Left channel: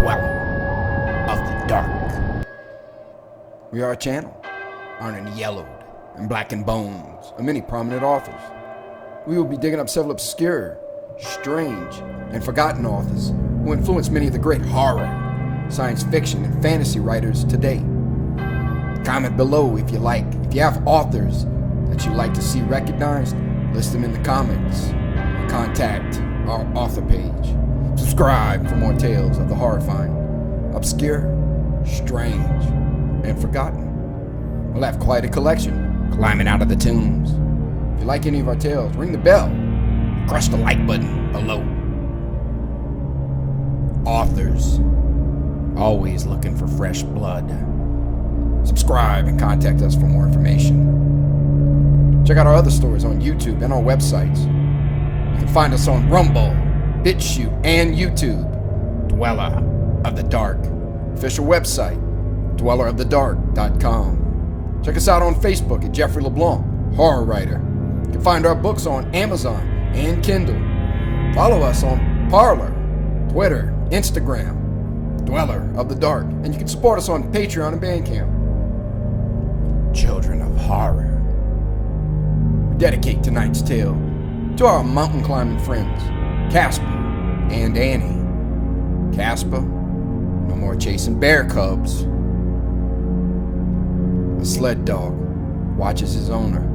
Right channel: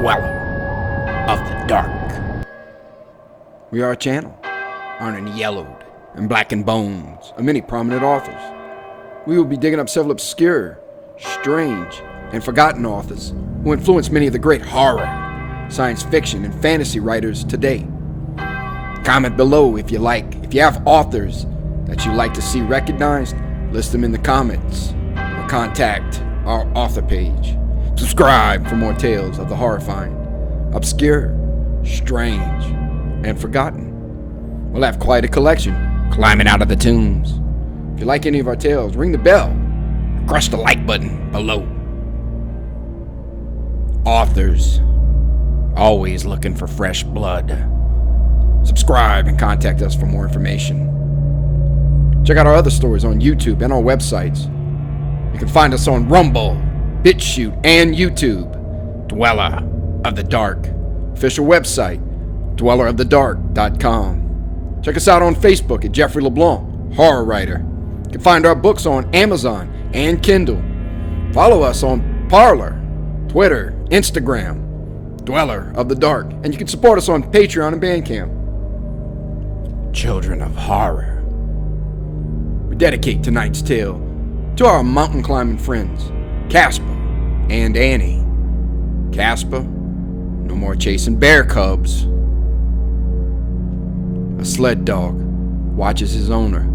dweller of the dark. We are a channel honoring yellowed and blackened bones of many prominent authors. We will be digging up several obscure, strange, and forgotten authors who influenced many of the great horror, science fiction, and fantasy writers today. Comment below if you have authors that you'd like to see recognized, list them in the comments, or contact our author page. Subscribe for more tales of the horrifying, obscure, strange, and forgotten. We'll have quite a collection climbing out of the tombs. If you like any of our tales, ring the bell, crush the like button below. Authors, always looking for fresh blood. Subscribe and contact us for more information. Check out our other stories on YouTube and our websites. You can find us on Rumble, BitChute, and YouTube. Dweller of the Dark. Official website, dwellerofthedark.com. Check us out on Facebook at Jeffrey LeBlanc, horror writer. You can find our books on Amazon and Kindle. Follow us on Parler, Twitter, Instagram, Dweller of the Dark. And you can support us on Patreon and Bandcamp. Children of horror. We dedicate tonight's tale to our mountain climbing friends, Casper and Annie. Casper, no more chasing bear cubs. A sled dog watches his owner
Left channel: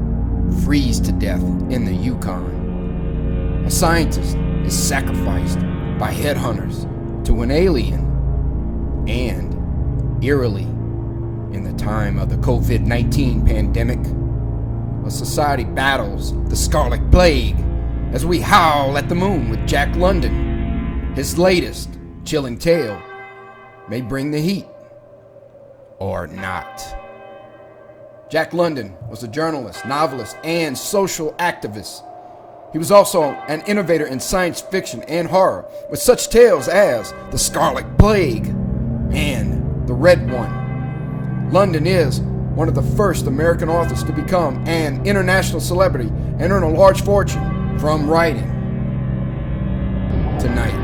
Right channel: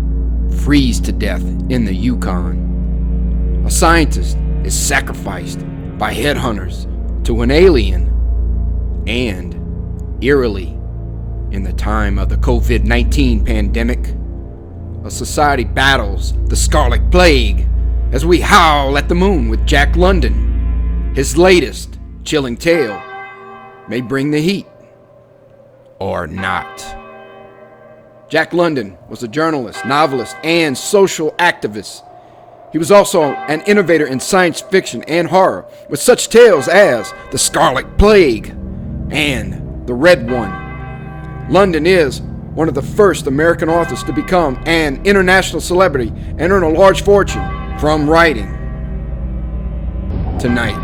freeze to death in the Yukon. A scientist is sacrificed by headhunters to an alien. And, eerily, in the time of the COVID-19 pandemic, a society battles the scarlet plague as we howl at the moon with Jack London. His latest chilling tale may bring the heat, or not. Jack London was a journalist, novelist, and social activist. He was also an innovator in science fiction and horror, with such tales as The Scarlet Plague and The Red One. London is one of the first American authors to become an international celebrity and earn a large fortune from writing. Tonight,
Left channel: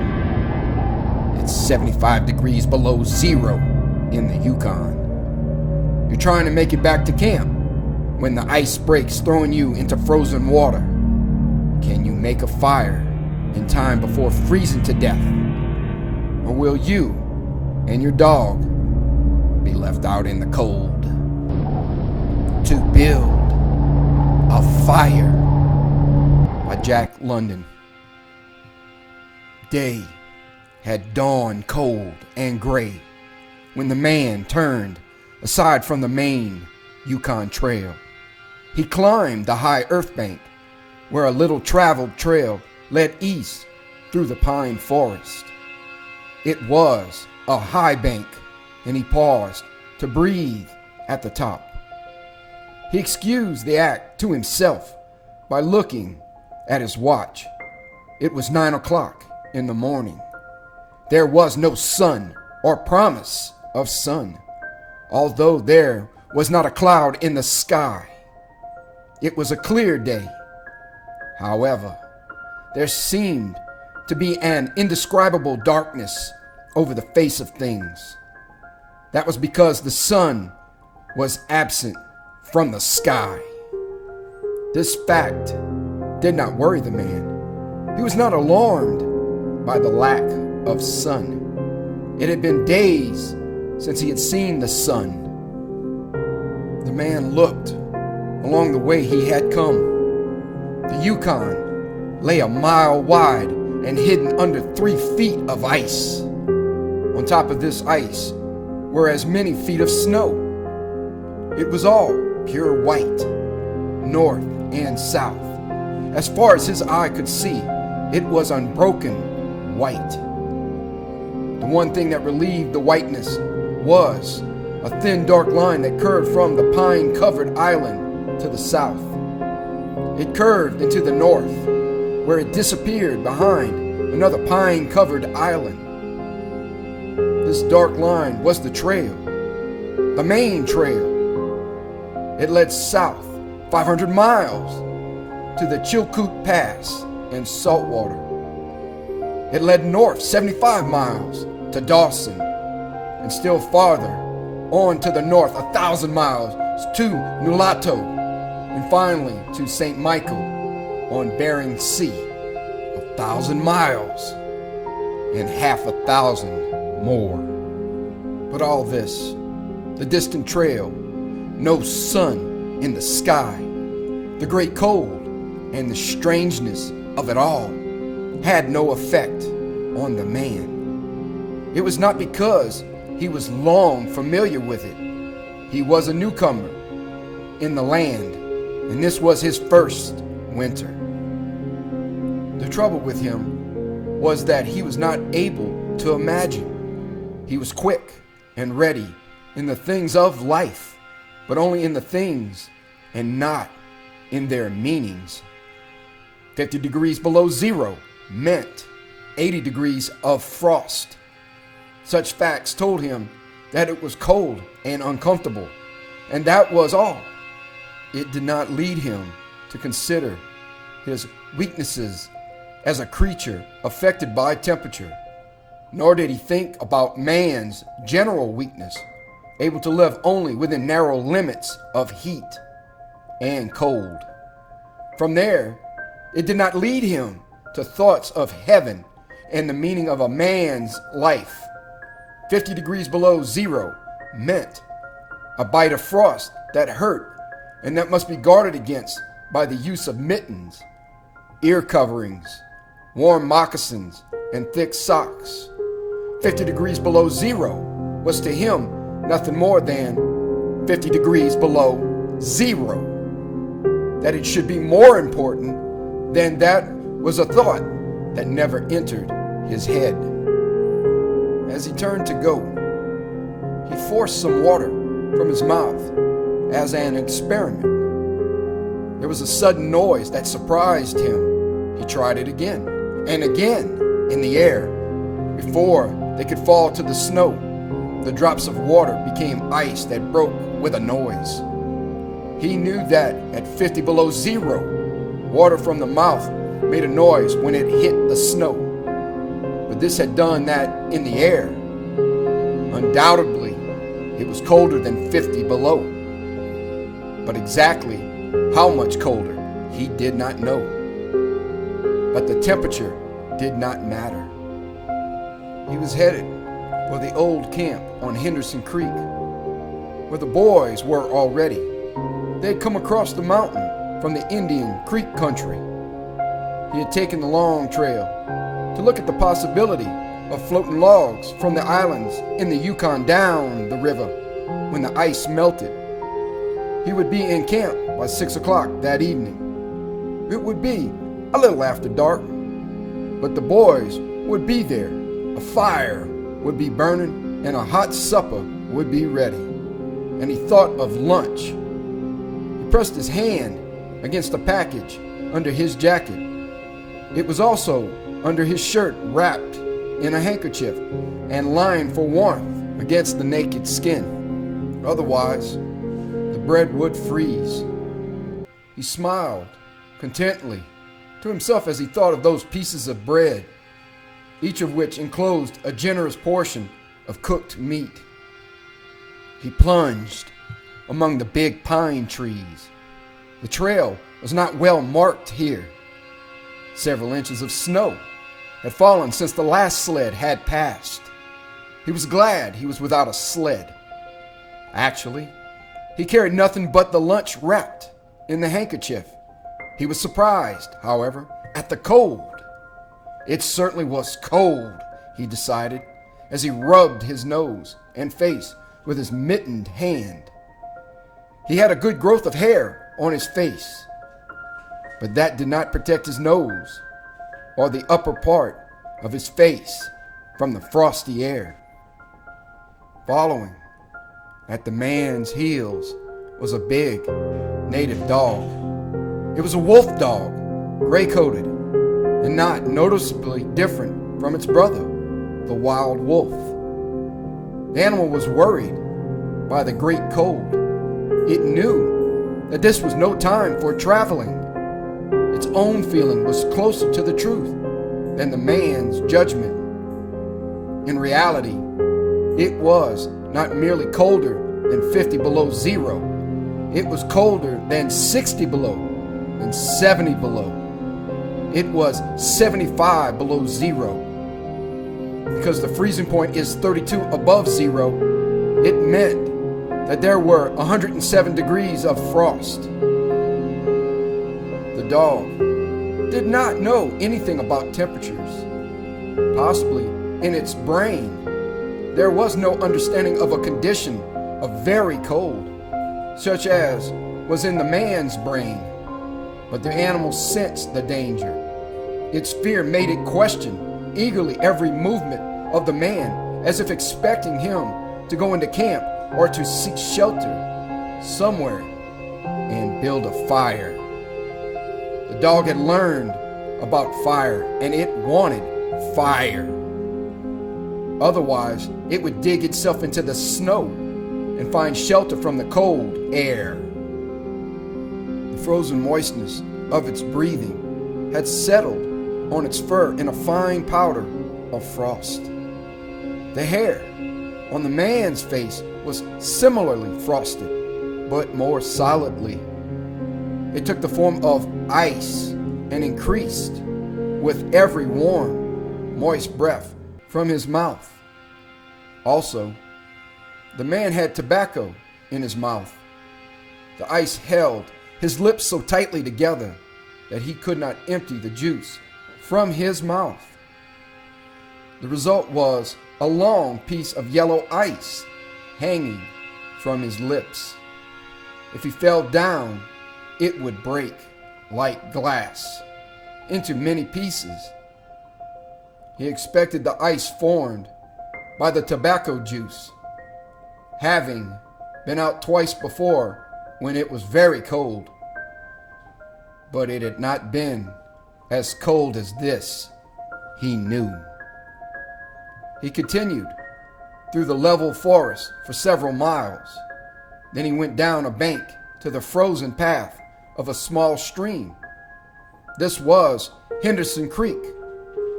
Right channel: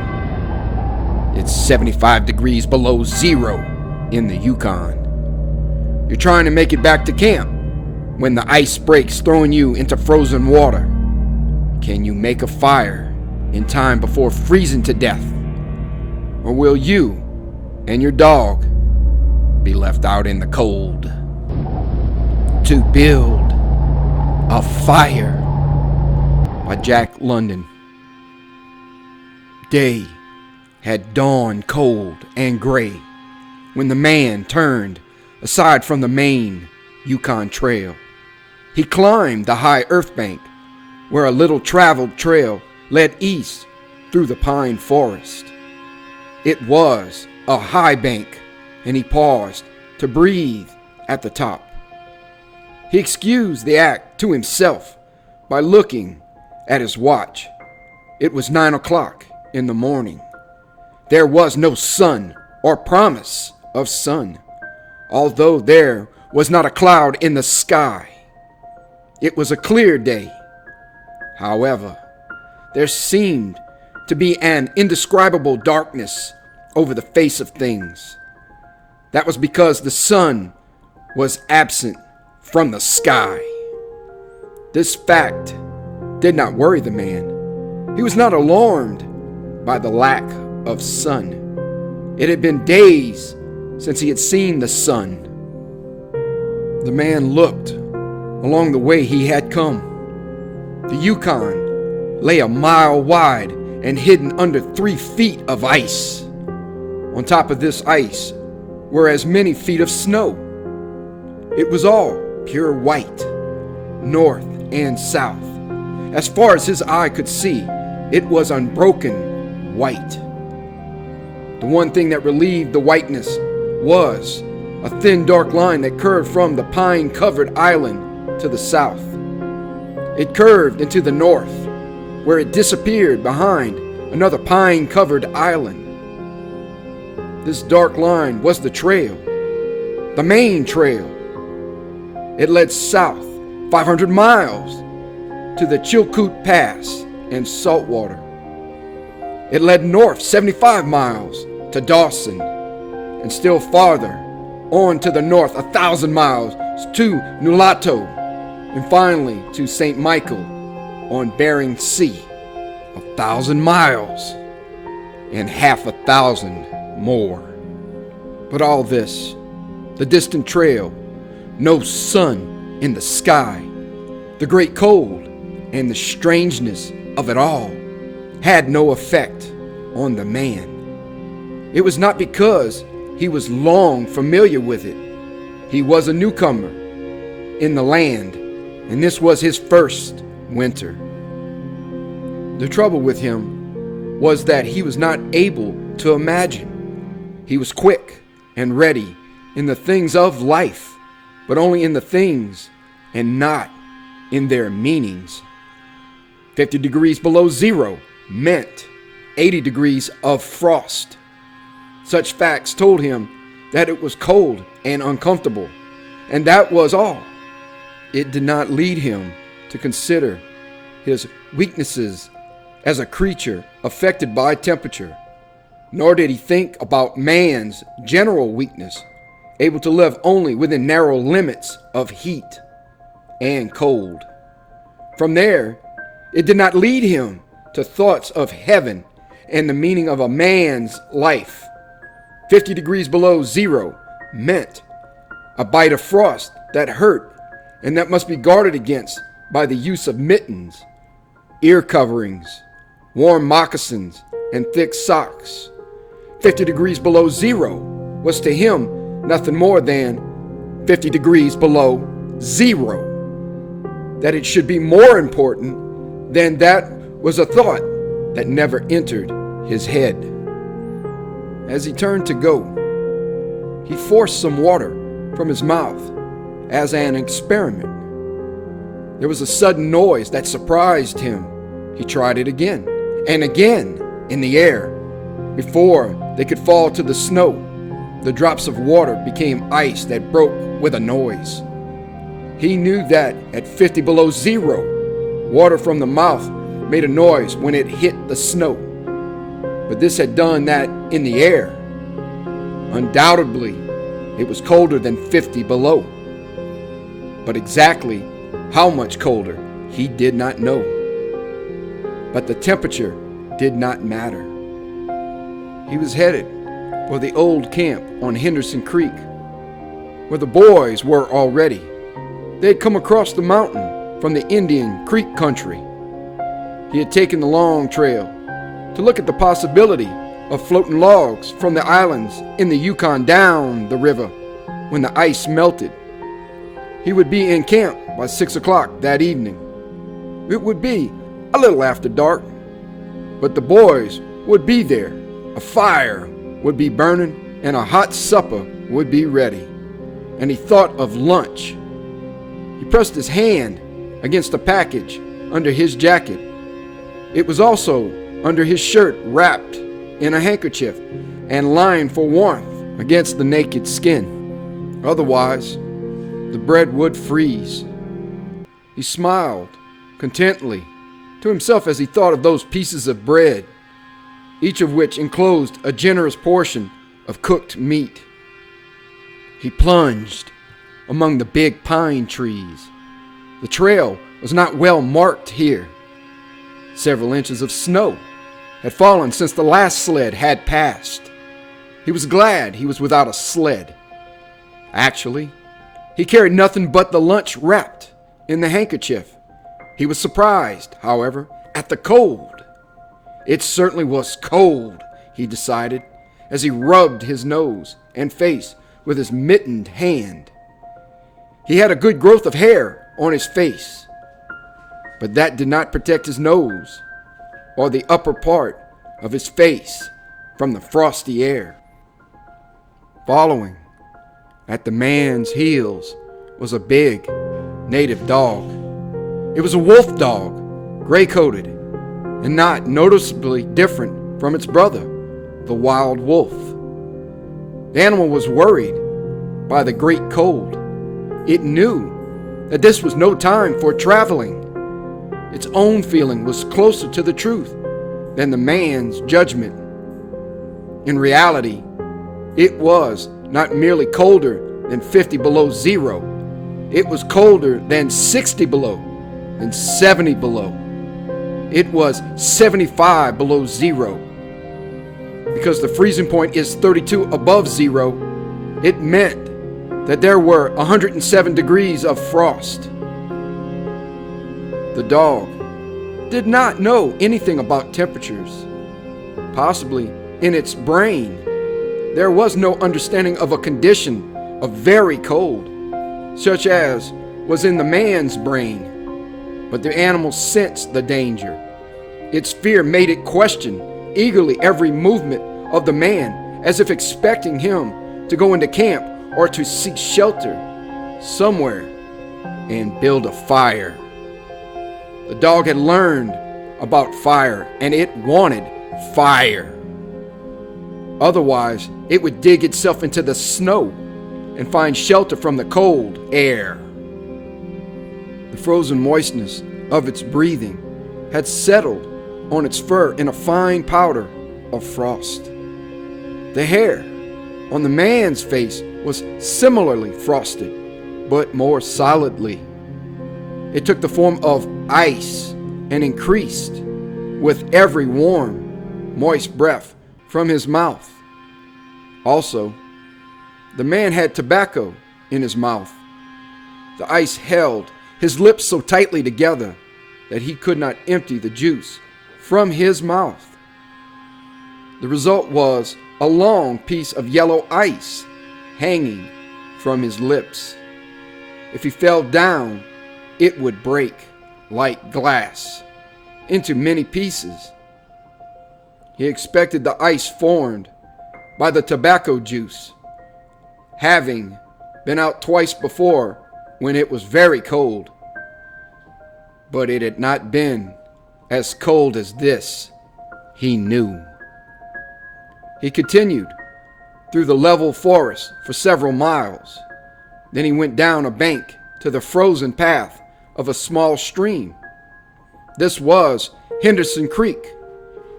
it's 75 degrees below zero in the Yukon. You're trying to make it back to camp when the ice breaks, throwing you into frozen water. Can you make a fire in time before freezing to death? Or will you and your dog be left out in the cold? To Build a Fire by Jack London. Day had dawned cold and gray when the man turned aside from the main Yukon trail. He climbed the high earth bank where a little traveled trail led east through the pine forest. It was a high bank, and he paused to breathe at the top. He excused the act to himself by looking at his watch. It was 9 o'clock in the morning. There was no sun or promise of sun, although there was not a cloud in the sky. It was a clear day. However, there seemed to be an indescribable darkness over the face of things. That was because the sun was absent from the sky. This fact did not worry the man. He was not alarmed by the lack of sun. It had been days since he had seen the sun. The man looked along the way he had come. The Yukon lay a mile wide and hidden under 3 feet of ice. On top of this ice were as many feet of snow. It was all pure white, north and south. As far as his eye could see, it was unbroken white. The one thing that relieved the whiteness was a thin dark line that curved from the pine-covered island to the south. It curved into the north, where it disappeared behind another pine-covered island. This dark line was the trail, the main trail. It led south 500 miles to the Chilkoot Pass and saltwater. It led north 75 miles to Dawson, and still farther on to the north 1,000 miles to Nulato, and finally to St. Michael on Bering Sea. 1,000 miles and half 1,000 more. But all this, the distant trail, no sun in the sky, the great cold, and the strangeness of it all had no effect on the man. It was not because he was long familiar with it. He was a newcomer in the land, and this was his first winter. The trouble with him was that he was not able to imagine. He was quick and ready in the things of life, but only in the things and not in their meanings. 50 degrees below zero meant 80 degrees of frost. Such facts told him that it was cold and uncomfortable, and that was all. It did not lead him to consider his weaknesses as a creature affected by temperature, nor did he think about man's general weakness, able to live only within narrow limits of heat and cold. From there, it did not lead him to thoughts of heaven and the meaning of a man's life. 50 degrees below zero meant a bite of frost that hurt and that must be guarded against by the use of mittens, ear coverings, warm moccasins, and thick socks. 50 degrees below zero was to him nothing more than 50 degrees below zero. That it should be more important than that was a thought that never entered his head. As he turned to go, he forced some water from his mouth as an experiment. There was a sudden noise that surprised him. He tried it again and again in the air. Before they could fall to the snow, the drops of water became ice that broke with a noise. He knew that at 50 below zero, water from the mouth made a noise when it hit the snow. But this had done that in the air. Undoubtedly, it was colder than 50 below. But exactly how much colder, he did not know. But the temperature did not matter. He was headed for the old camp on Henderson Creek, where the boys were already. They had come across the mountain from the Indian Creek country. He had taken the long trail to look at the possibility of floating logs from the islands in the Yukon down the river when the ice melted. He would be in camp by 6 o'clock that evening. It would be a little after dark, but the boys would be there. A fire would be burning and a hot supper would be ready. And he thought of lunch. He pressed his hand against a package under his jacket. It was also under his shirt, wrapped in a handkerchief and lined for warmth against the naked skin. Otherwise, the bread would freeze. He smiled contentedly to himself as he thought of those pieces of bread, each of which enclosed a generous portion of cooked meat. He plunged among the big pine trees. The trail was not well marked here. Several inches of snow had fallen since the last sled had passed. He was glad he was without a sled. Actually, he carried nothing but the lunch wrapped in the handkerchief. He was surprised, however, at the cold. It certainly was cold, he decided, as he rubbed his nose and face with his mittened hand. He had a good growth of hair on his face, but that did not protect his nose or the upper part of his face from the frosty air. Following at the man's heels was a big native dog. It was a wolf dog, gray-coated, and not noticeably different from its brother, the wild wolf. The animal was worried by the great cold. It knew that this was no time for traveling. Its own feeling was closer to the truth than the man's judgment. In reality, it was not merely colder than 50 below zero. It was colder than 60 below and 70 below. It was 75 below zero. Because the freezing point is 32 above zero, it meant that there were 107 degrees of frost. The dog did not know anything about temperatures. Possibly in its brain, there was no understanding of a condition of very cold, such as was in the man's brain. But the animal sensed the danger. Its fear made it question eagerly every movement of the man, as if expecting him to go into camp or to seek shelter somewhere and build a fire. The dog had learned about fire, and it wanted fire. Otherwise, it would dig itself into the snow and find shelter from the cold air. The frozen moistness of its breathing had settled on its fur in a fine powder of frost. The hair on the man's face was similarly frosted, but more solidly. It took the form of ice and increased with every warm, moist breath from his mouth. Also, the man had tobacco in his mouth. The ice held his lips so tightly together that he could not empty the juice from his mouth. The result was a long piece of yellow ice hanging from his lips. If he fell down, it would break like glass into many pieces. He expected the ice formed by the tobacco juice, having been out twice before when it was very cold. But it had not been as cold as this, he knew. He continued through the level forest for several miles. Then he went down a bank to the frozen path of a small stream. This was Henderson Creek,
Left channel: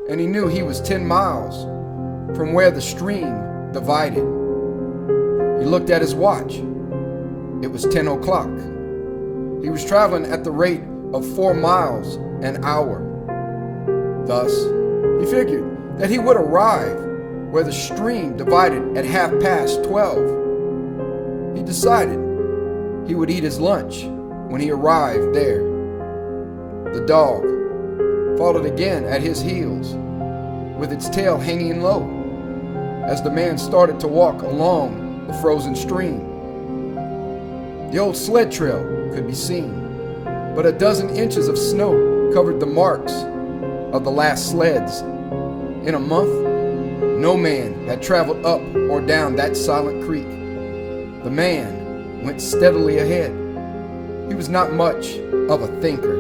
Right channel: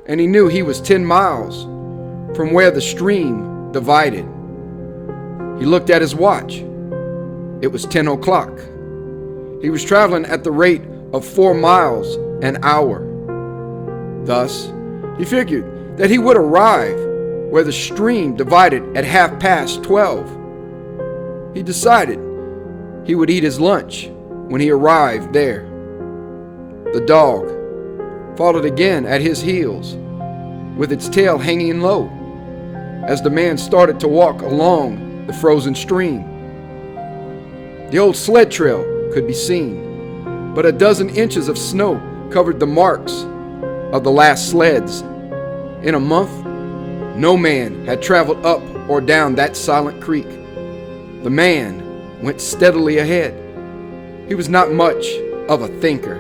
and he knew he was 10 miles from where the stream divided. He looked at his watch. It was 10 o'clock. He was traveling at the rate of 4 miles an hour. Thus, he figured that he would arrive where the stream divided at 12:30. He decided he would eat his lunch when he arrived there. The dog followed again at his heels, with its tail hanging low, as the man started to walk along the frozen stream. The old sled trail could be seen, but a dozen inches of snow covered the marks of the last sleds. In a month, no man had traveled up or down that silent creek. The man went steadily ahead. He was not much of a thinker.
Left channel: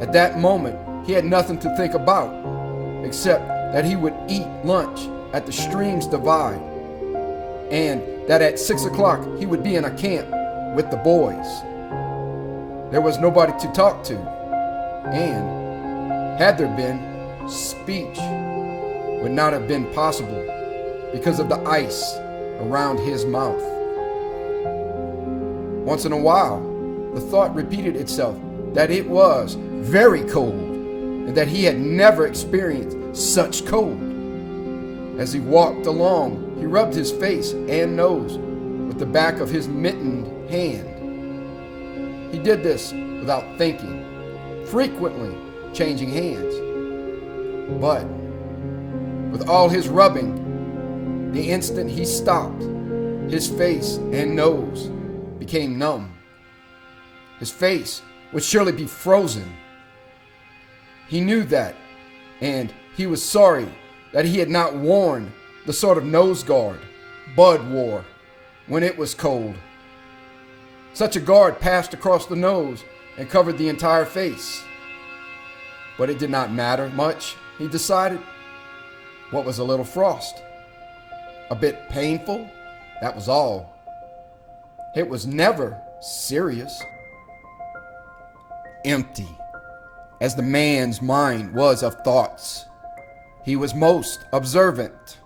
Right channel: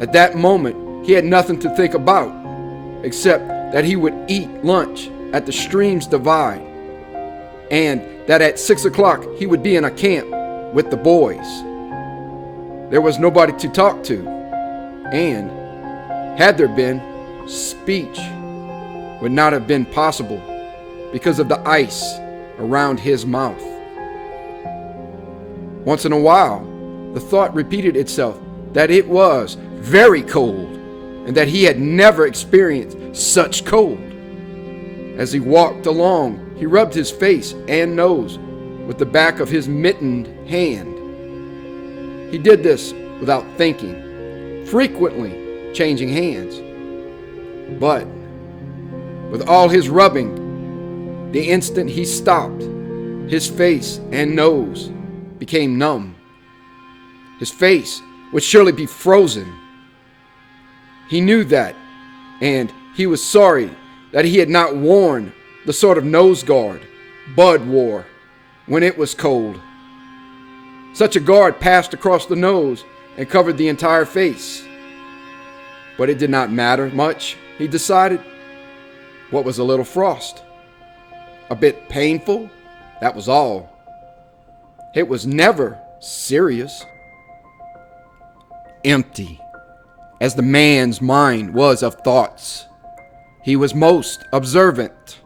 At that moment, he had nothing to think about, except that he would eat lunch at the stream's divide, and that at 6 o'clock he would be in a camp with the boys. There was nobody to talk to, and had there been, speech would not have been possible because of the ice around his mouth. Once in a while, the thought repeated itself that it was very cold and that he had never experienced such cold. As he walked along, he rubbed his face and nose with the back of his mittened hand. He did this without thinking, frequently changing hands. But with all his rubbing, the instant he stopped, his face and nose became numb. His face would surely be frozen. He knew that, and he was sorry that he had not worn the sort of nose guard Bud wore when it was cold. Such a guard passed across the nose and covered the entire face. But it did not matter much, he decided. What was a little frost? A bit painful, that was all. It was never serious. Empty, as the man's mind was of thoughts. He was most observant.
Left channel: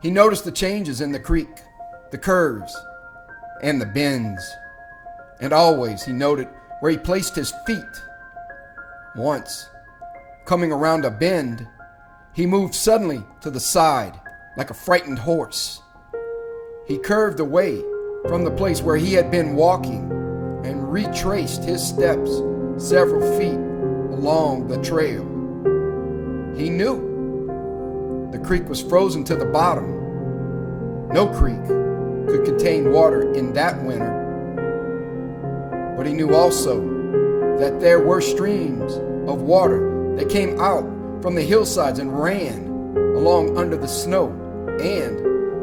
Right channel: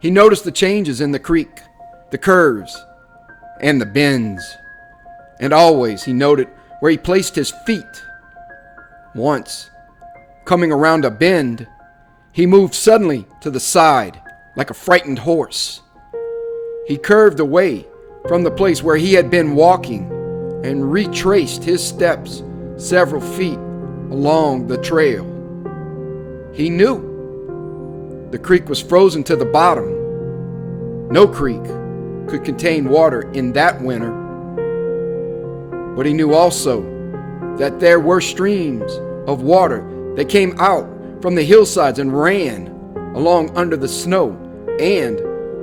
He noticed the changes in the creek, the curves, and the bends. And always he noted where he placed his feet. Once, coming around a bend, he moved suddenly to the side like a frightened horse. He curved away from the place where he had been walking and retraced his steps several feet along the trail. He knew the creek was frozen to the bottom. No creek could contain water in that winter. But he knew also that there were streams of water that came out from the hillsides and ran along under the snow and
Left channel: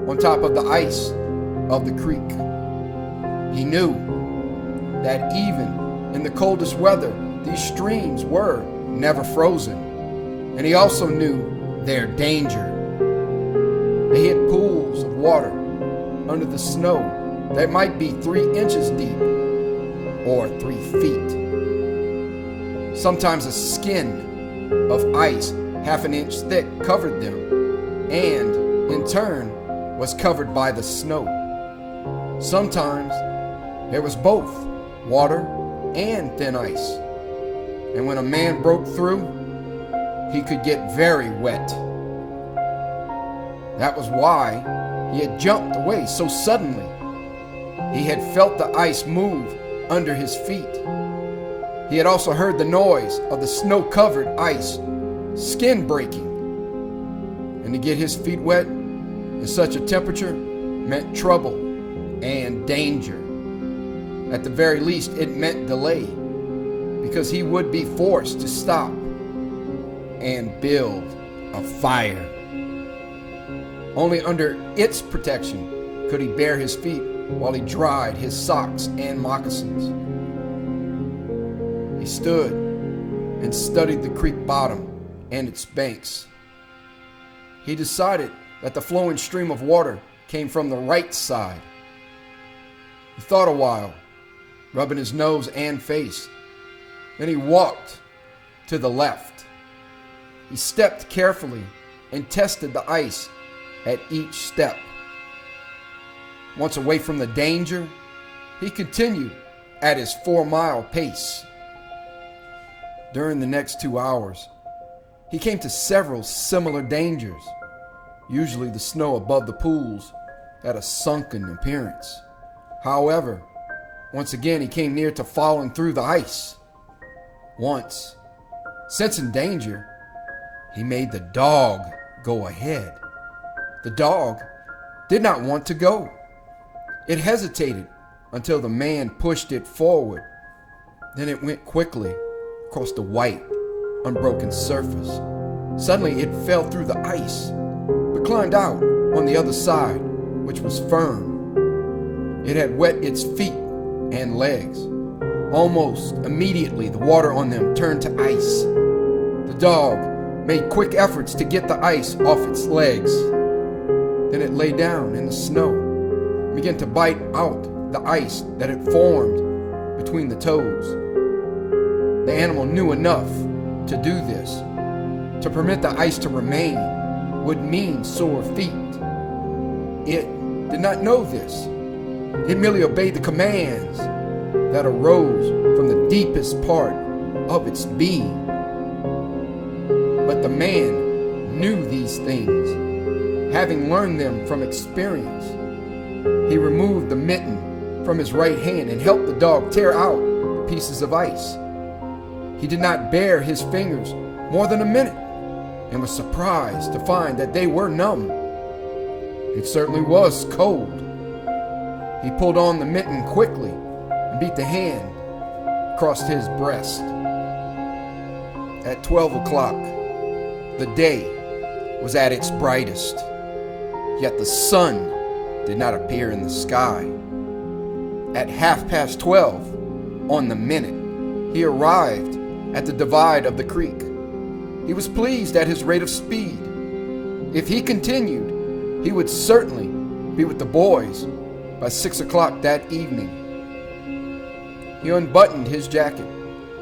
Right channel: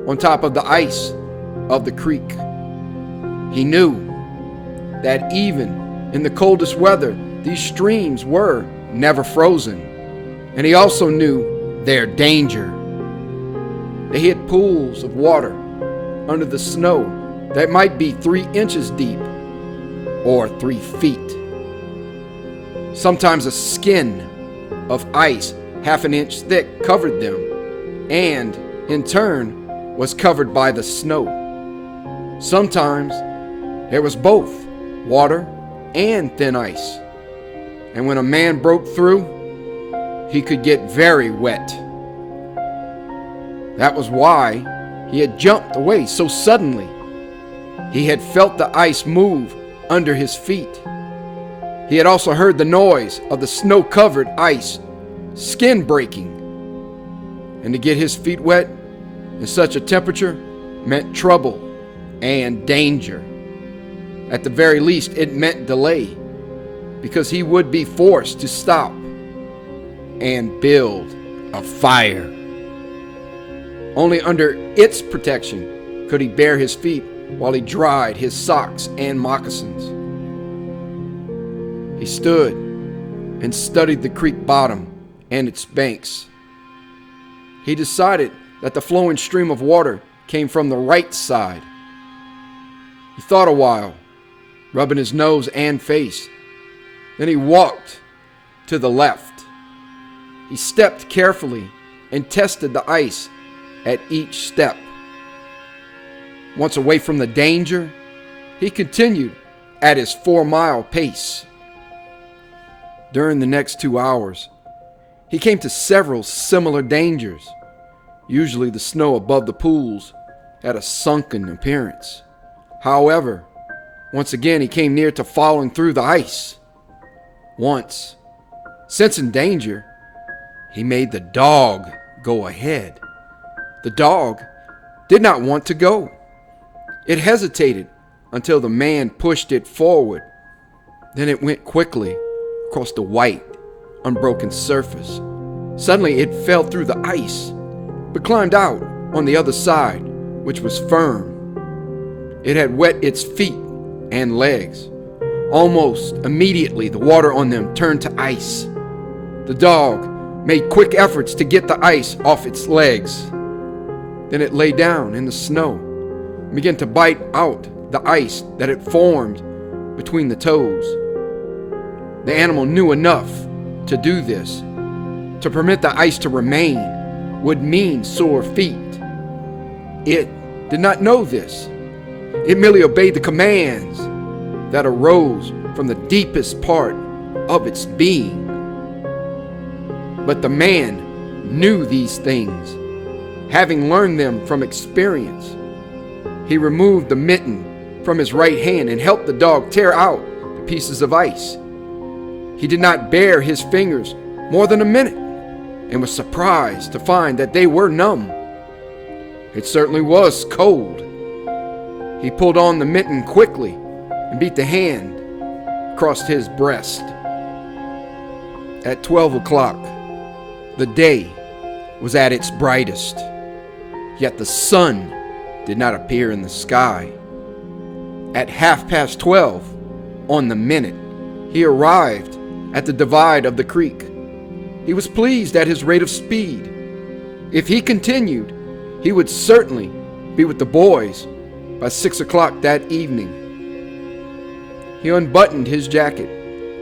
on top of the ice of the creek. He knew that even in the coldest weather, these streams were never frozen. And he also knew their danger. They hid pools of water under the snow that might be 3 inches deep or 3 feet. Sometimes a skin of ice half an inch thick covered them, and in turn was covered by the snow. Sometimes there was both water and thin ice, and when a man broke through, he could get very wet. That was why he had jumped away so suddenly. He had felt the ice move under his feet. He had also heard the noise of the snow-covered ice, skin breaking. And to get his feet wet in such a temperature meant trouble and danger. At the very least, it meant delay, because he would be forced to stop and build a fire. Only under its protection could he bare his feet while he dried his socks and moccasins. He stood and studied the creek bottom and its banks. He decided that the flowing stream of water came from the right side. He thought a while, rubbing his nose and face. Then he walked to the left. He stepped carefully and tested the ice at each step. Once away from the danger, he continued at his 4-mile pace. During the next 2 hours, he came to several similar dangers. Usually the snow above the pools had a sunken appearance. However, once again he came near to falling through the ice. Once, sensing danger, he made the dog go ahead. The dog did not want to go. It hesitated until the man pushed it forward. Then it went quickly across the white, unbroken surface. Suddenly it fell through the ice, but climbed out on the other side, which was firm. It had wet its feet and legs. Almost immediately, the water on them turned to ice. The dog made quick efforts to get the ice off its legs. Then it lay down in the snow and began to bite out the ice that had formed between the toes. The animal knew enough to do this. To permit the ice to remain would mean sore feet. It did not know this. It merely obeyed the commands that arose from the deepest part of its being. But the man knew these things, having learned them from experience. He removed the mitten from his right hand and helped the dog tear out the pieces of ice. He did not bare his fingers more than a minute and was surprised to find that they were numb. It certainly was cold. He pulled on the mitten quickly and beat the hand across his breast. At 12 o'clock, the day was at its brightest, yet the sun did not appear in the sky. At 12:30 on the minute, he arrived at the divide of the creek. He was pleased at his rate of speed. If he continued, he would certainly be with the boys by 6 o'clock that evening. He unbuttoned his jacket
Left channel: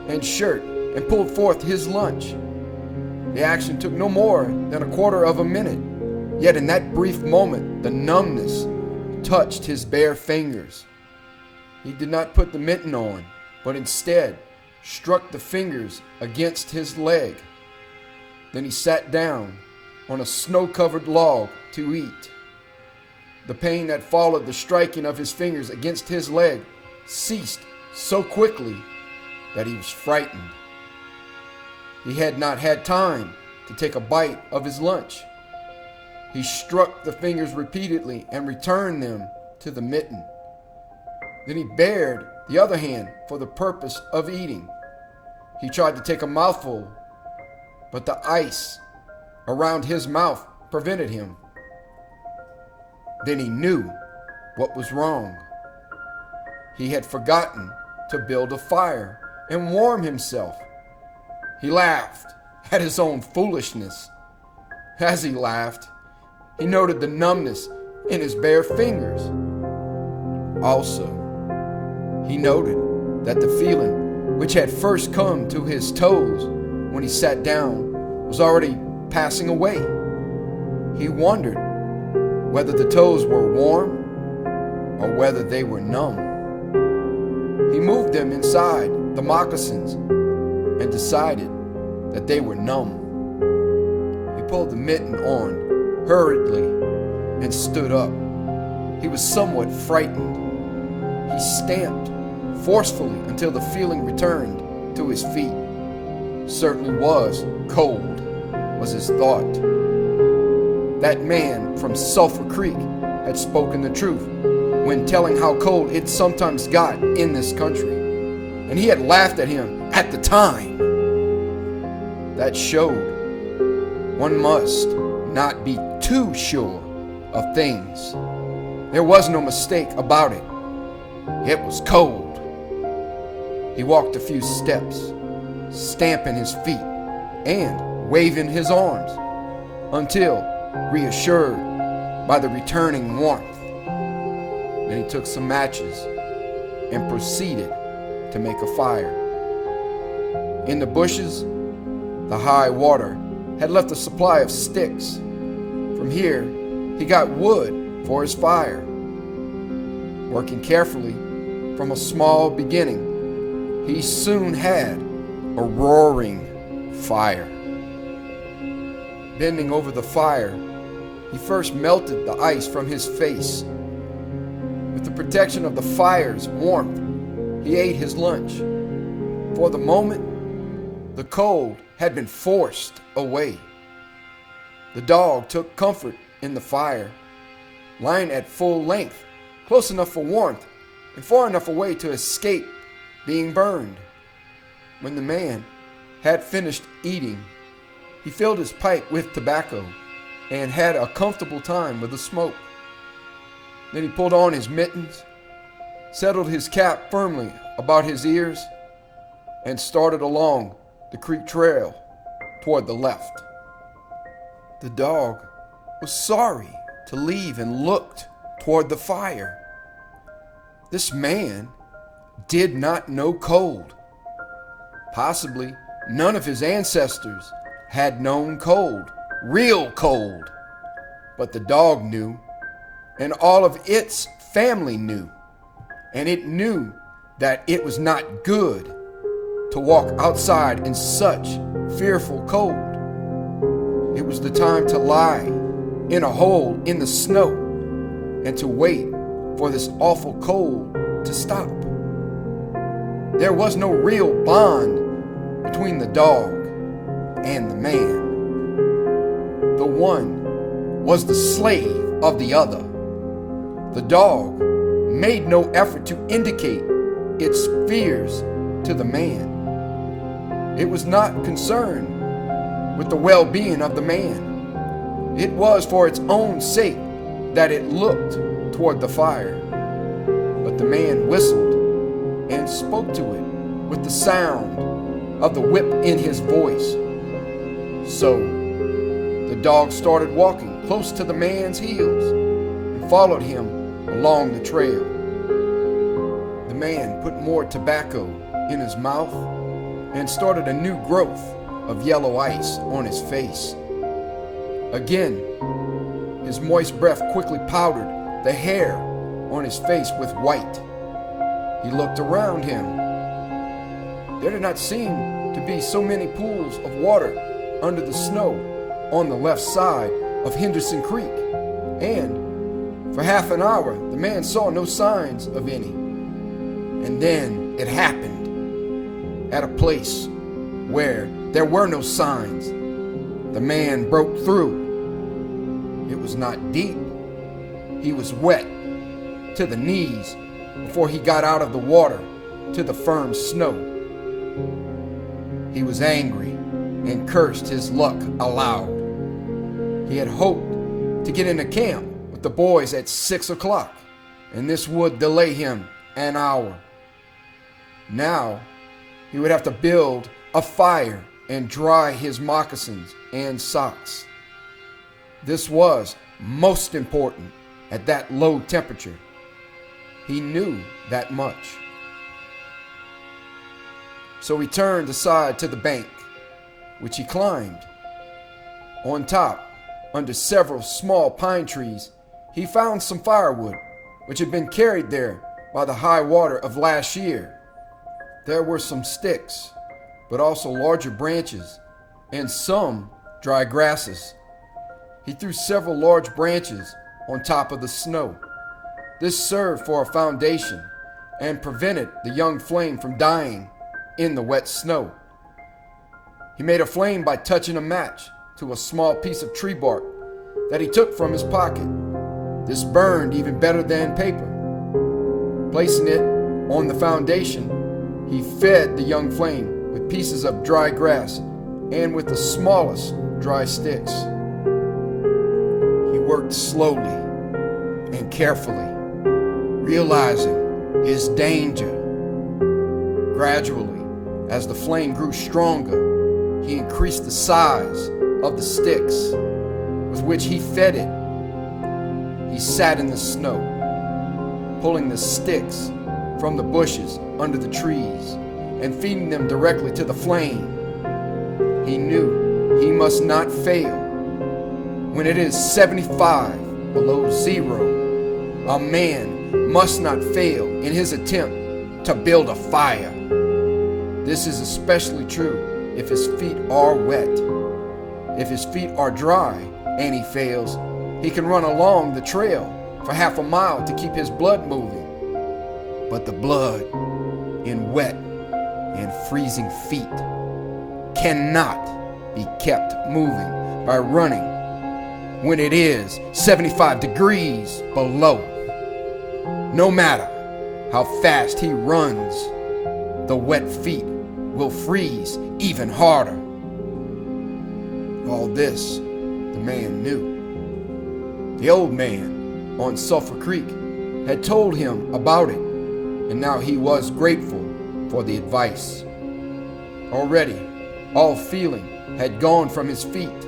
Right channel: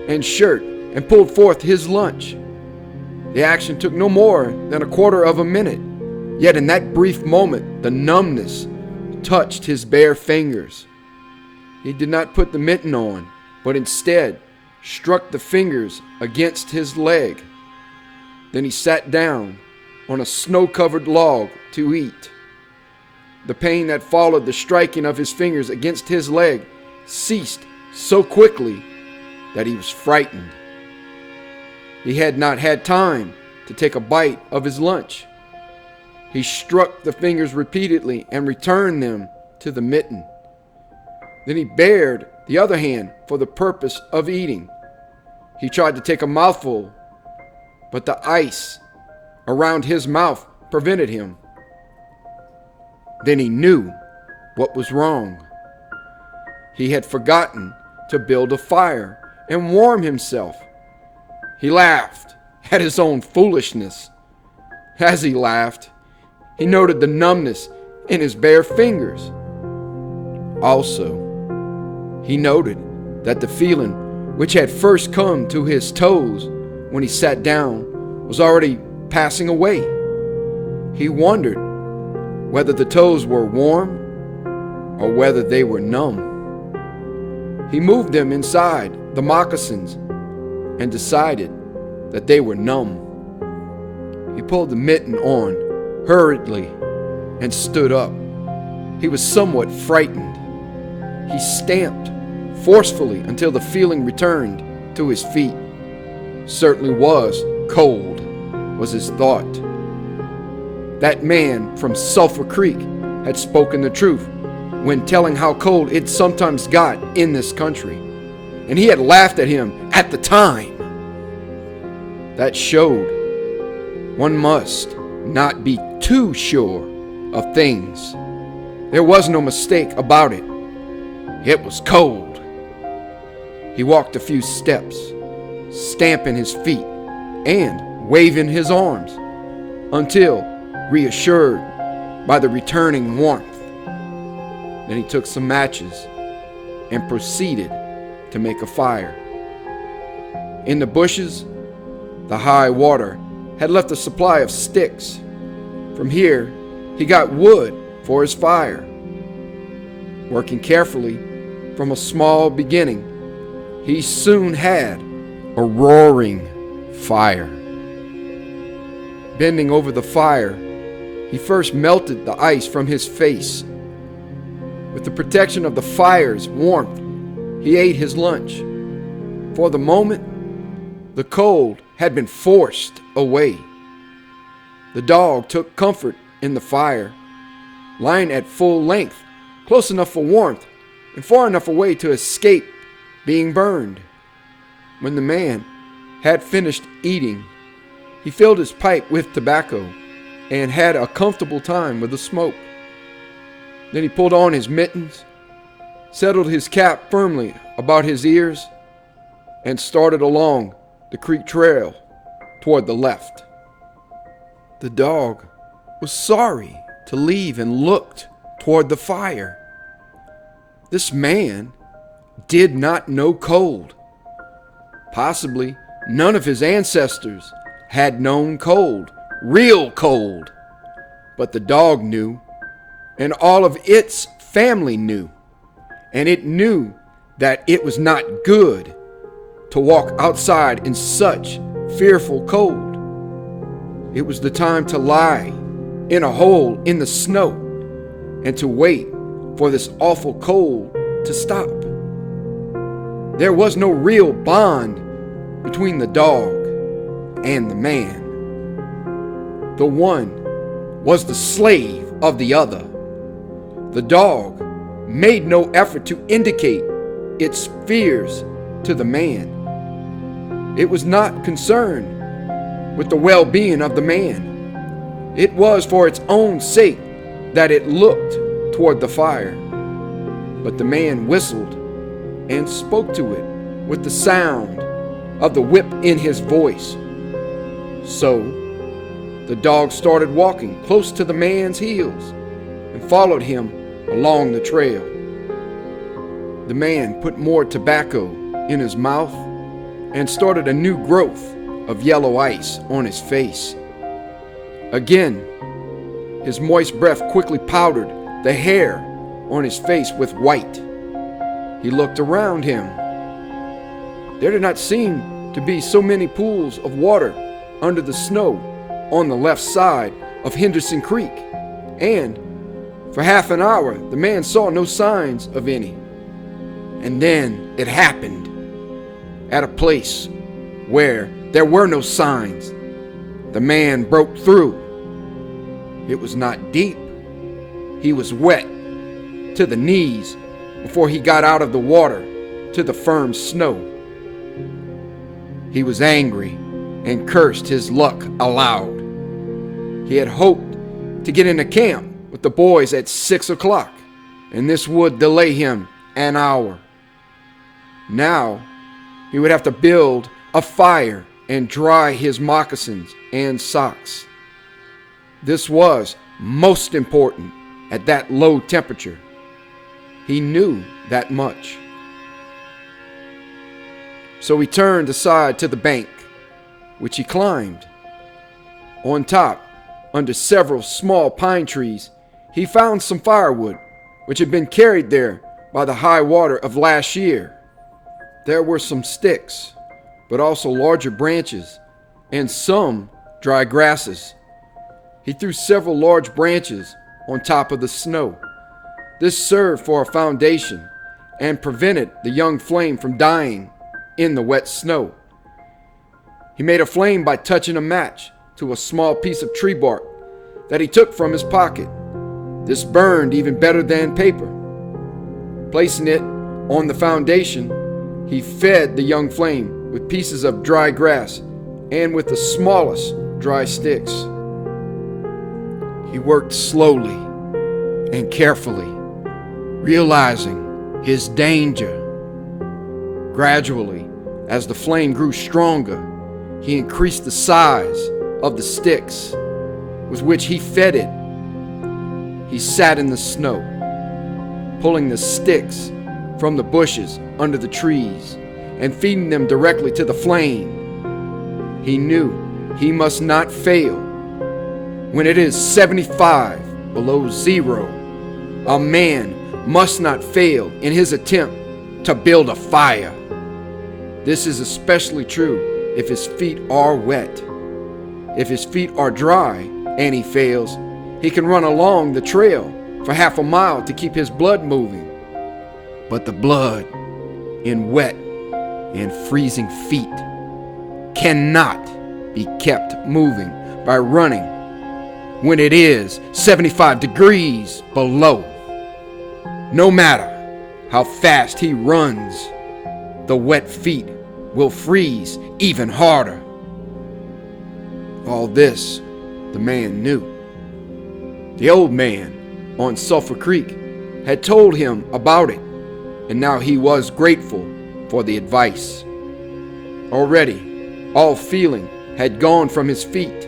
and shirt and pulled forth his lunch. The action took no more than a quarter of a minute, yet in that brief moment, the numbness touched his bare fingers. He did not put the mitten on, but instead struck the fingers against his leg. Then he sat down on a snow-covered log to eat. The pain that followed the striking of his fingers against his leg ceased so quickly that he was frightened. He had not had time to take a bite of his lunch. He struck the fingers repeatedly and returned them to the mitten. Then he bared the other hand for the purpose of eating. He tried to take a mouthful, but the ice around his mouth prevented him. Then he knew what was wrong. He had forgotten to build a fire and warm himself. He laughed at his own foolishness. As he laughed, he noted the numbness in his bare fingers. Also, he noted that the feeling which had first come to his toes when he sat down was already passing away. He wondered whether the toes were warm or whether they were numb. He moved them inside the moccasins and decided that they were numb. He pulled the mitten on hurriedly and stood up. He was somewhat frightened. He stamped forcefully until the feeling returned to his feet. Certainly was cold, was his thought. That man from Sulphur Creek had spoken the truth when telling how cold it sometimes got in this country, and he had laughed at him at the time. That showed one must not be too sure of things. There was no mistake about it. It was cold. He walked a few steps, stamping his feet and waving his arms, until reassured by the returning warmth. Then he took some matches and proceeded to make a fire. In the bushes, the high water had left a supply of sticks. From here, he got wood for his fire. Working carefully from a small beginning, he soon had a roaring fire. Bending over the fire, he first melted the ice from his face. With the protection of the fire's warmth, he ate his lunch. For the moment, the cold had been forced away. The dog took comfort in the fire, lying at full length, close enough for warmth and far enough away to escape being burned. When the man had finished eating, he filled his pipe with tobacco and had a comfortable time with the smoke. Then he pulled on his mittens, settled his cap firmly about his ears, and started along the creek trail toward the left. The dog was sorry to leave and looked toward the fire. This man did not know cold. Possibly none of his ancestors had known cold, real cold. But the dog knew, and all of its family knew, and it knew that it was not good to walk outside in such fearful cold. It was the time to lie in a hole in the snow and to wait for this awful cold to stop. There was no real bond between the dog and the man. The one was the slave of the other. The dog made no effort to indicate its fears to the man. It was not concerned with the well-being of the man. It was for its own sake that it looked toward the fire. But the man whistled and spoke to it with the sound of the whip in his voice. So the dog started walking close to the man's heels and followed him along the trail. The man put more tobacco in his mouth and started a new growth of yellow ice on his face. Again, his moist breath quickly powdered the hair on his face with white. He looked around him. There did not seem to be so many pools of water under the snow on the left side of Henderson Creek, and for half an hour the man saw no signs of any. And then it happened. At a place where there were no signs, the man broke through. It was not deep. He was wet to the knees before he got out of the water to the firm snow. He was angry and cursed his luck aloud. He had hoped to get into camp with the boys at 6 o'clock, and this would delay him an hour. Now he would have to build a fire and dry his moccasins and socks. This was most important at that low temperature. He knew that much. So he turned aside to the bank, which he climbed. On top, under several small pine trees, he found some firewood, which had been carried there by the high water of last year. There were some sticks, but also larger branches and some dry grasses. He threw several large branches on top of the snow. This served for a foundation and prevented the young flame from dying in the wet snow. He made a flame by touching a match to a small piece of tree bark that he took from his pocket. This burned even better than paper. Placing it on the foundation, he fed the young flame with pieces of dry grass and with the smallest dry sticks. He worked slowly and carefully, realizing his danger. Gradually, as the flame grew stronger, he increased the size of the sticks with which he fed it. He sat in the snow, pulling the sticks from the bushes under the trees and feeding them directly to the flame. He knew he must not fail. When it is 75 below zero, a man must not fail in his attempt to build a fire. This is especially true if his feet are wet. If his feet are dry and he fails, he can run along the trail for half a mile to keep his blood moving. But the blood in wet and freezing feet cannot be kept moving by running when it is 75 degrees below. No matter how fast he runs, the wet feet will freeze even harder. All this the man knew. The old man on Sulphur Creek had told him about it, and now he was grateful for the advice. Already, all feeling had gone from his feet.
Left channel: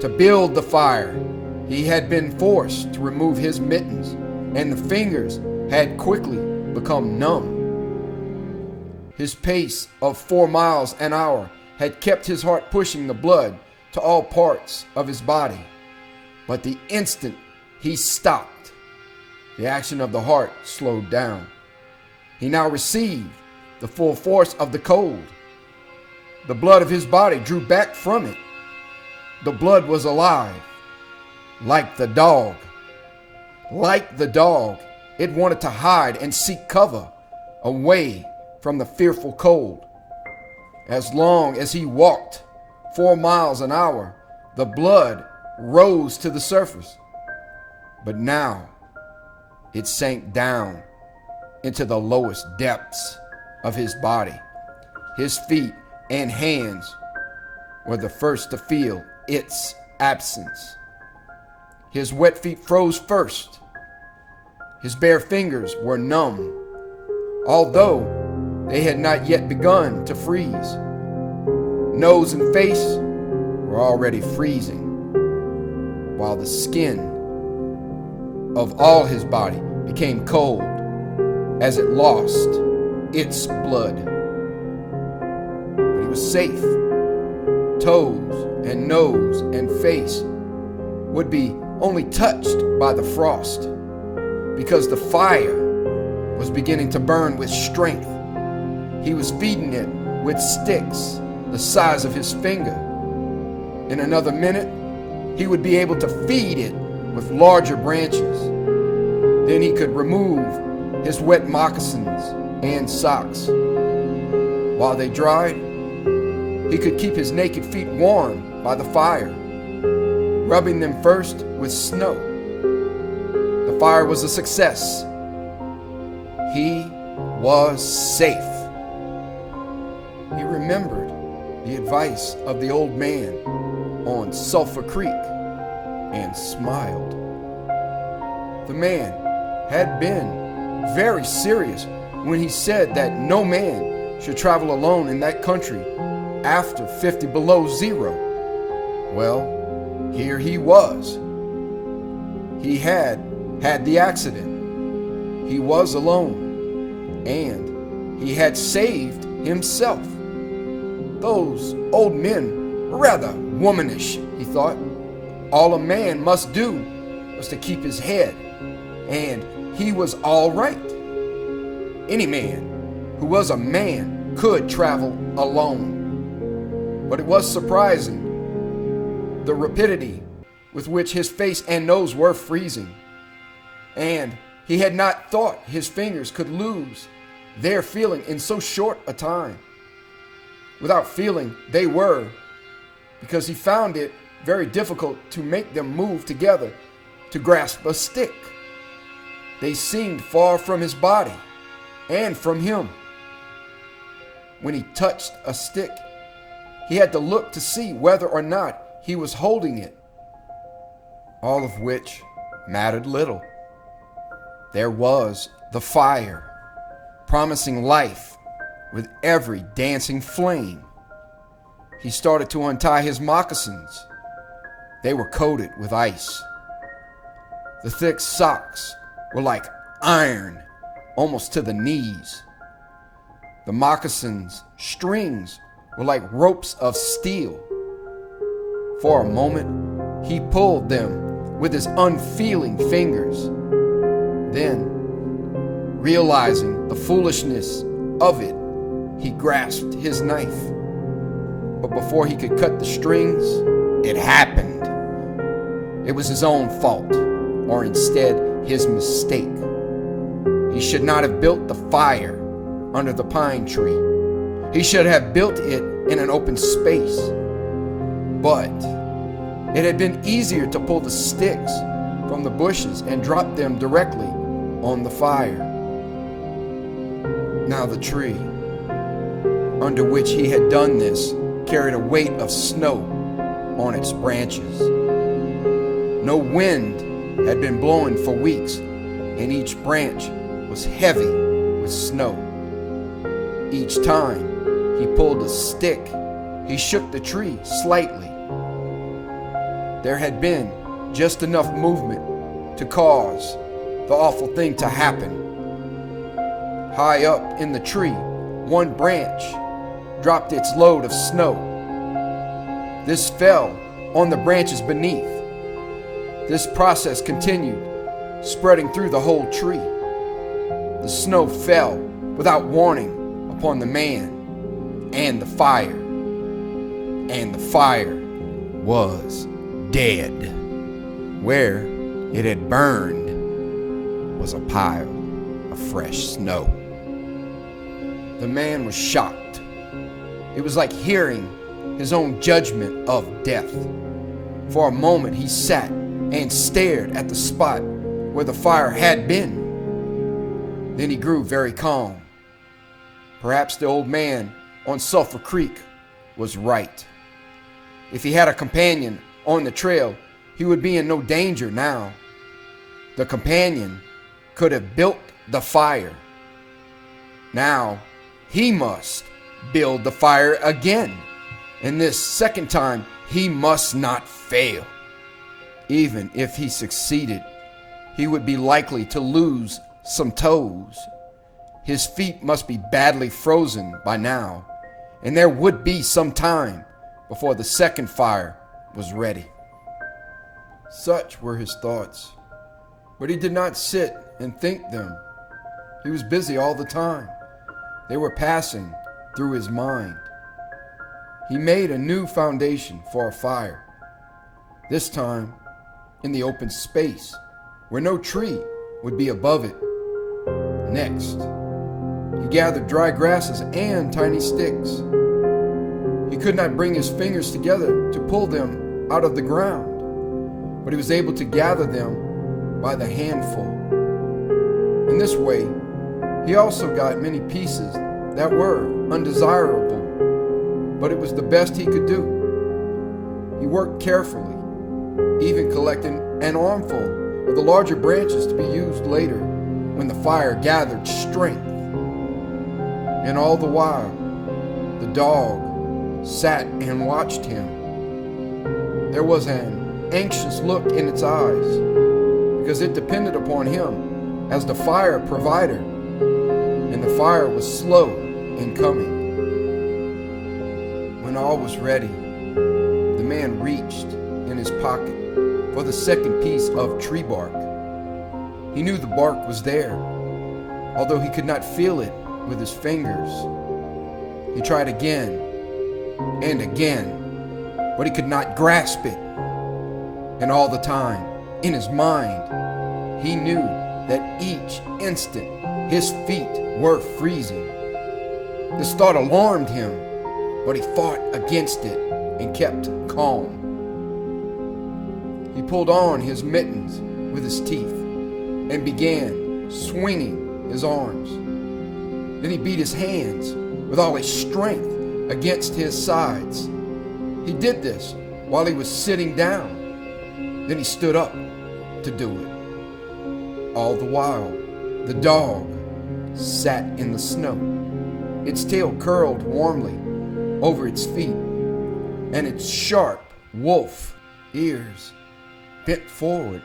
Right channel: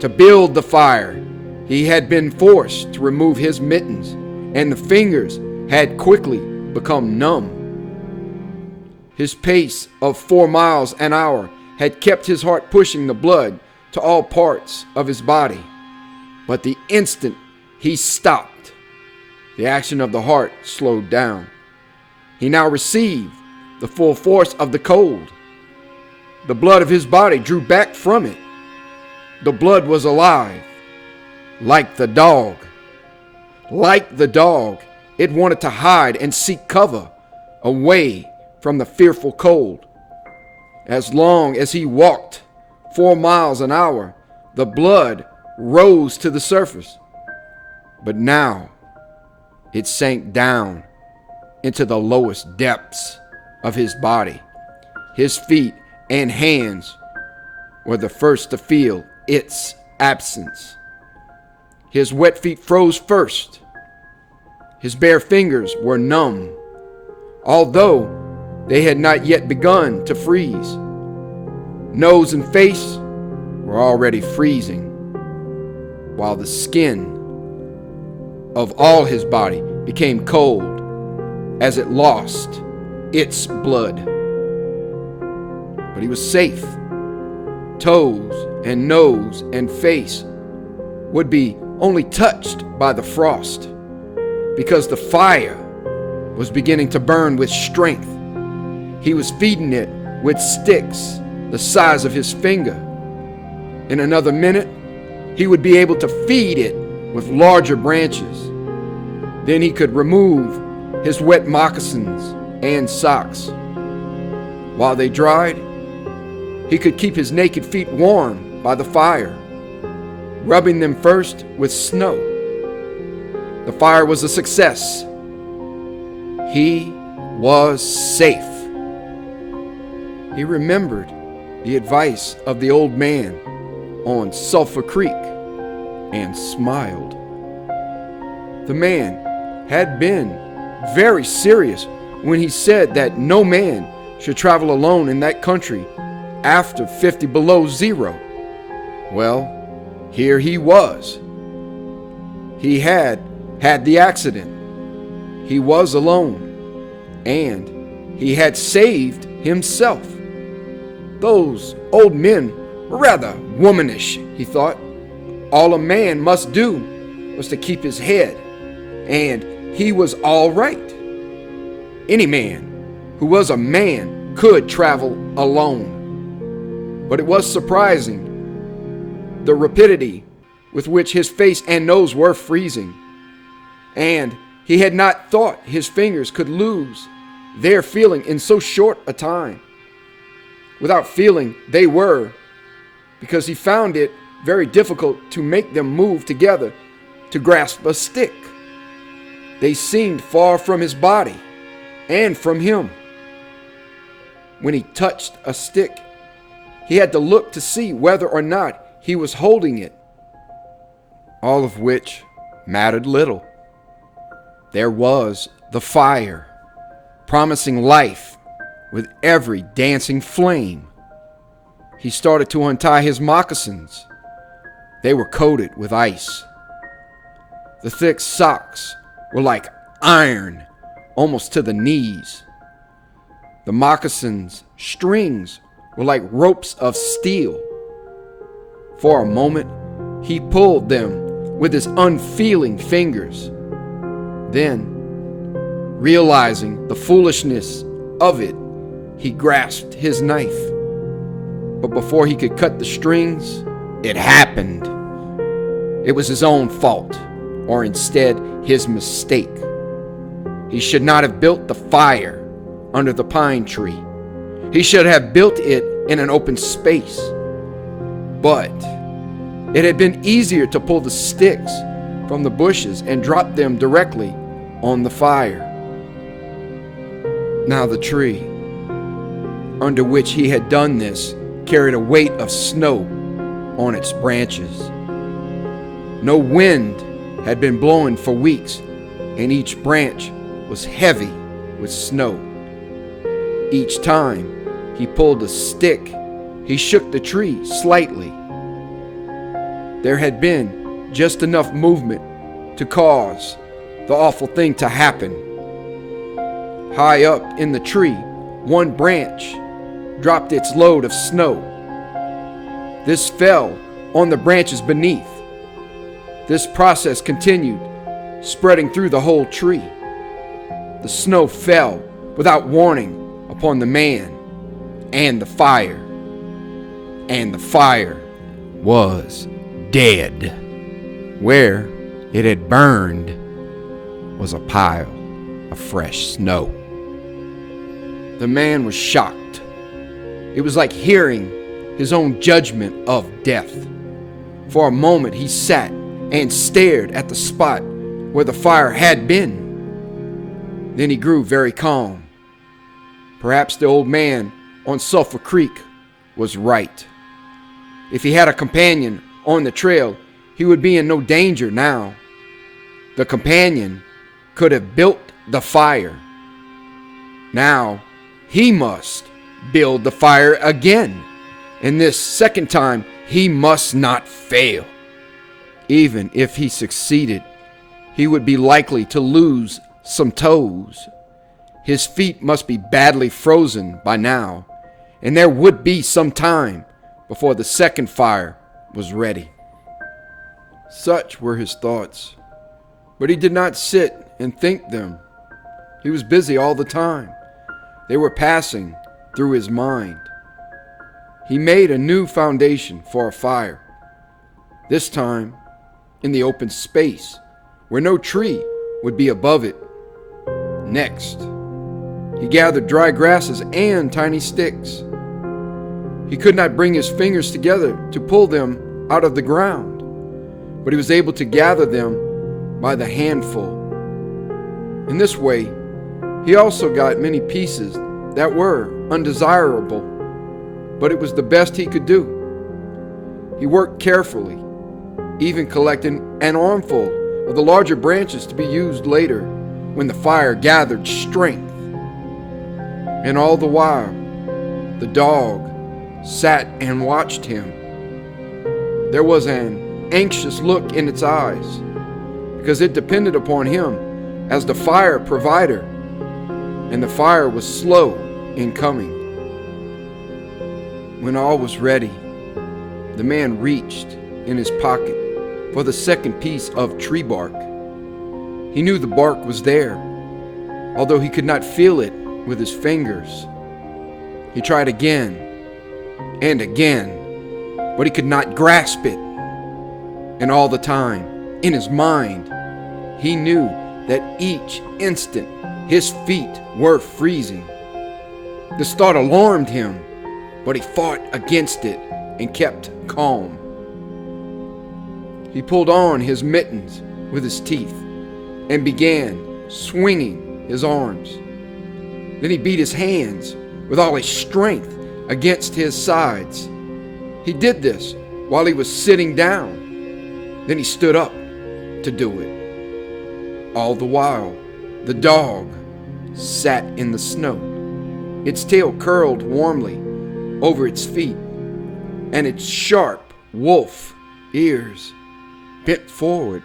To build the fire, he had been forced to remove his mittens, and the fingers had quickly become numb. His pace of 4 miles an hour had kept his heart pushing the blood to all parts of his body. But the instant he stopped, the action of the heart slowed down. He now received the full force of the cold. The blood of his body drew back from it. The blood was alive, like the dog. Like the dog, it wanted to hide and seek cover away from the fearful cold. As long as he walked 4 miles an hour, the blood rose to the surface. But now it sank down into the lowest depths of his body. His feet and hands were the first to feel its absence. His wet feet froze first. His bare fingers were numb, although they had not yet begun to freeze. Nose and face were already freezing, while the skin of all his body became cold as it lost its blood. But he was safe Toes and nose and face would be only touched by the frost, because the fire was beginning to burn with strength. He was feeding it with sticks the size of his finger. In another minute, he would be able to feed it with larger branches. Then he could remove his wet moccasins and socks. While they dried, he could keep his naked feet warm by the fire, rubbing them first with snow. The fire was a success. He was safe. He remembered the advice of the old man on Sulphur Creek and smiled. The man had been very serious when he said that no man should travel alone in that country after 50 below zero. Well, here he was. He had the accident. He was alone, and he had saved himself. Those old men were rather womanish, he thought. All a man must do was to keep his head, and he was all right. Any man who was a man could travel alone. But it was surprising the rapidity with which his face and nose were freezing, and he had not thought his fingers could lose their feeling in so short a time. Without feeling, they were, because he found it very difficult to make them move together to grasp a stick. They seemed far from his body and from him. When he touched a stick, he had to look to see whether or not he was holding it, all of which mattered little. There was the fire, promising life with every dancing flame. He started to untie his moccasins. They were coated with ice. The thick socks were like iron, almost to the knees. The moccasins' strings were like ropes of steel. For a moment, he pulled them with his unfeeling fingers. Then, realizing the foolishness of it, he grasped his knife. But before he could cut the strings, it happened. It was his own fault, or instead his mistake. He should not have built the fire under the pine tree. He should have built it in an open space. But it had been easier to pull the sticks from the bushes and drop them directly on the fire. Now the tree under which he had done this carried a weight of snow on its branches. No wind had been blowing for weeks, and each branch was heavy with snow. Each time he pulled a stick, he shook the tree slightly. There had been just enough movement to cause the awful thing to happen. High up in the tree, one branch dropped its load of snow. This fell on the branches beneath. This process continued, spreading through the whole tree. The snow fell without warning upon the man and the fire. And the fire was dead. Where it had burned was a pile of fresh snow. The man was shocked. It was like hearing his own judgment of death. For a moment he sat and stared at the spot where the fire had been. Then he grew very calm. Perhaps the old man on Sulphur Creek was right. If he had a companion on the trail, he would be in no danger now. The companion could have built the fire. Now he must build the fire again, and this second time he must not fail. Even if he succeeded, he would be likely to lose some toes. His feet must be badly frozen by now, and there would be some time before the second fire was ready. Such were his thoughts, but he did not sit and think them. He was busy all the time. They were passing through his mind. He made a new foundation for a fire, this time in the open space where no tree would be above it. Next, he gathered dry grasses and tiny sticks. He could not bring his fingers together to pull them out of the ground, but he was able to gather them by the handful. In this way, he also got many pieces that were undesirable, but it was the best he could do. He worked carefully, even collecting an armful of the larger branches to be used later when the fire gathered strength. And all the while, the dog sat and watched him. There was an anxious look in its eyes because it depended upon him as the fire provider, and the fire was slow in coming. When all was ready, the man reached in his pocket for the second piece of tree bark. He knew the bark was there, although he could not feel it with his fingers. He tried again and again, but he could not grasp it. And all the time, in his mind, he knew that each instant his feet were freezing. This thought alarmed him, but he fought against it and kept calm. He pulled on his mittens with his teeth and began swinging his arms. Then he beat his hands with all his strength against his sides. He did this while he was sitting down. Then he stood up to do it. All the while, the dog sat in the snow, its tail curled warmly over its feet, and its sharp wolf ears bent forward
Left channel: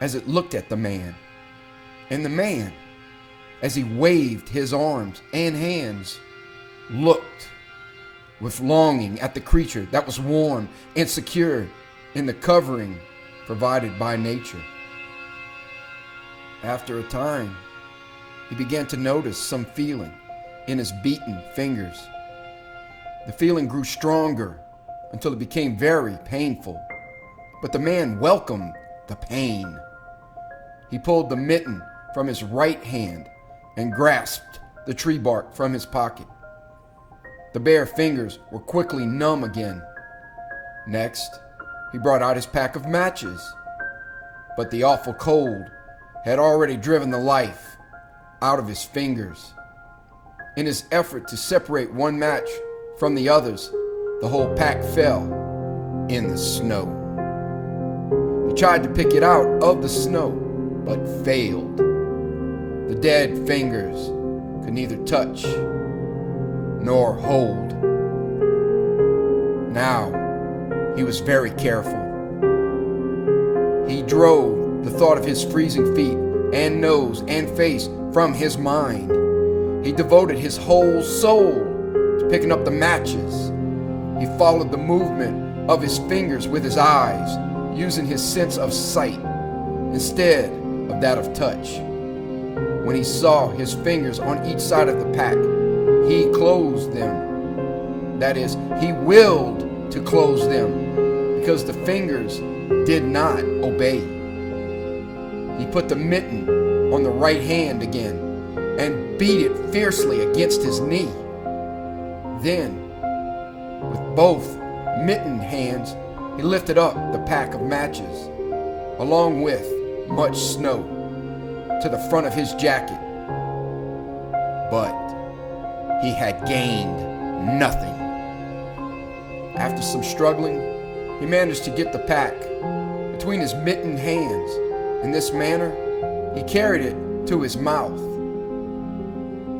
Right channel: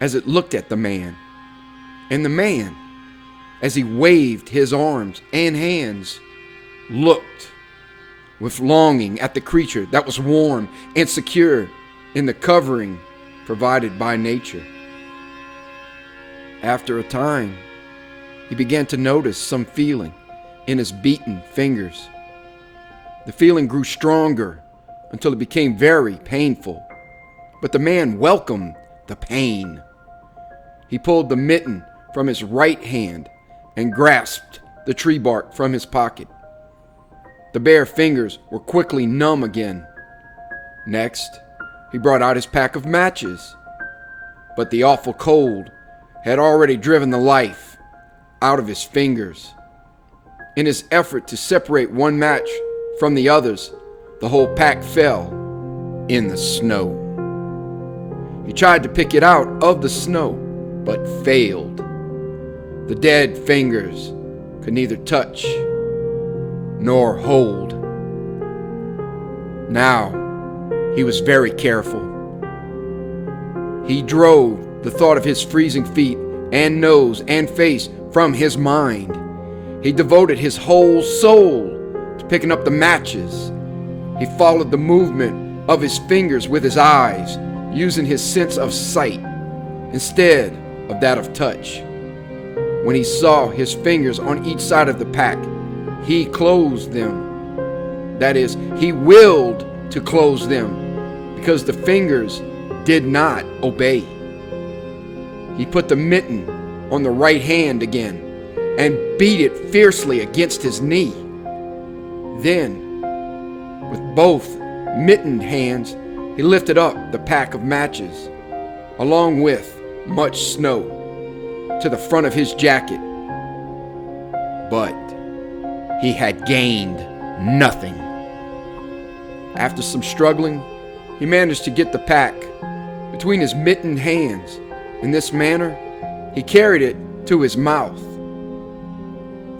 as it looked at the man. And the man, as he waved his arms and hands, looked with longing at the creature that was warm and secure in the covering provided by nature. After a time, he began to notice some feeling in his beaten fingers. The feeling grew stronger until it became very painful, but the man welcomed the pain. He pulled the mitten from his right hand and grasped the tree bark from his pocket. The bare fingers were quickly numb again. Next, he brought out his pack of matches, but the awful cold had already driven the life out of his fingers. In his effort to separate one match from the others, the whole pack fell in the snow. He tried to pick it out of the snow, but failed. The dead fingers could neither touch nor hold. Now, he was very careful. He drove the thought of his freezing feet and nose and face from his mind. He devoted his whole soul to picking up the matches. He followed the movement of his fingers with his eyes, using his sense of sight instead of that of touch. When he saw his fingers on each side of the pack, he closed them. That is, he willed to close them because the fingers did not obey. He put the mitten on the right hand again and beat it fiercely against his knee. Then, with both mittened hands, he lifted up the pack of matches, along with much snow, to the front of his jacket. But he had gained nothing. After some struggling, he managed to get the pack between his mittened hands. In this manner, he carried it to his mouth.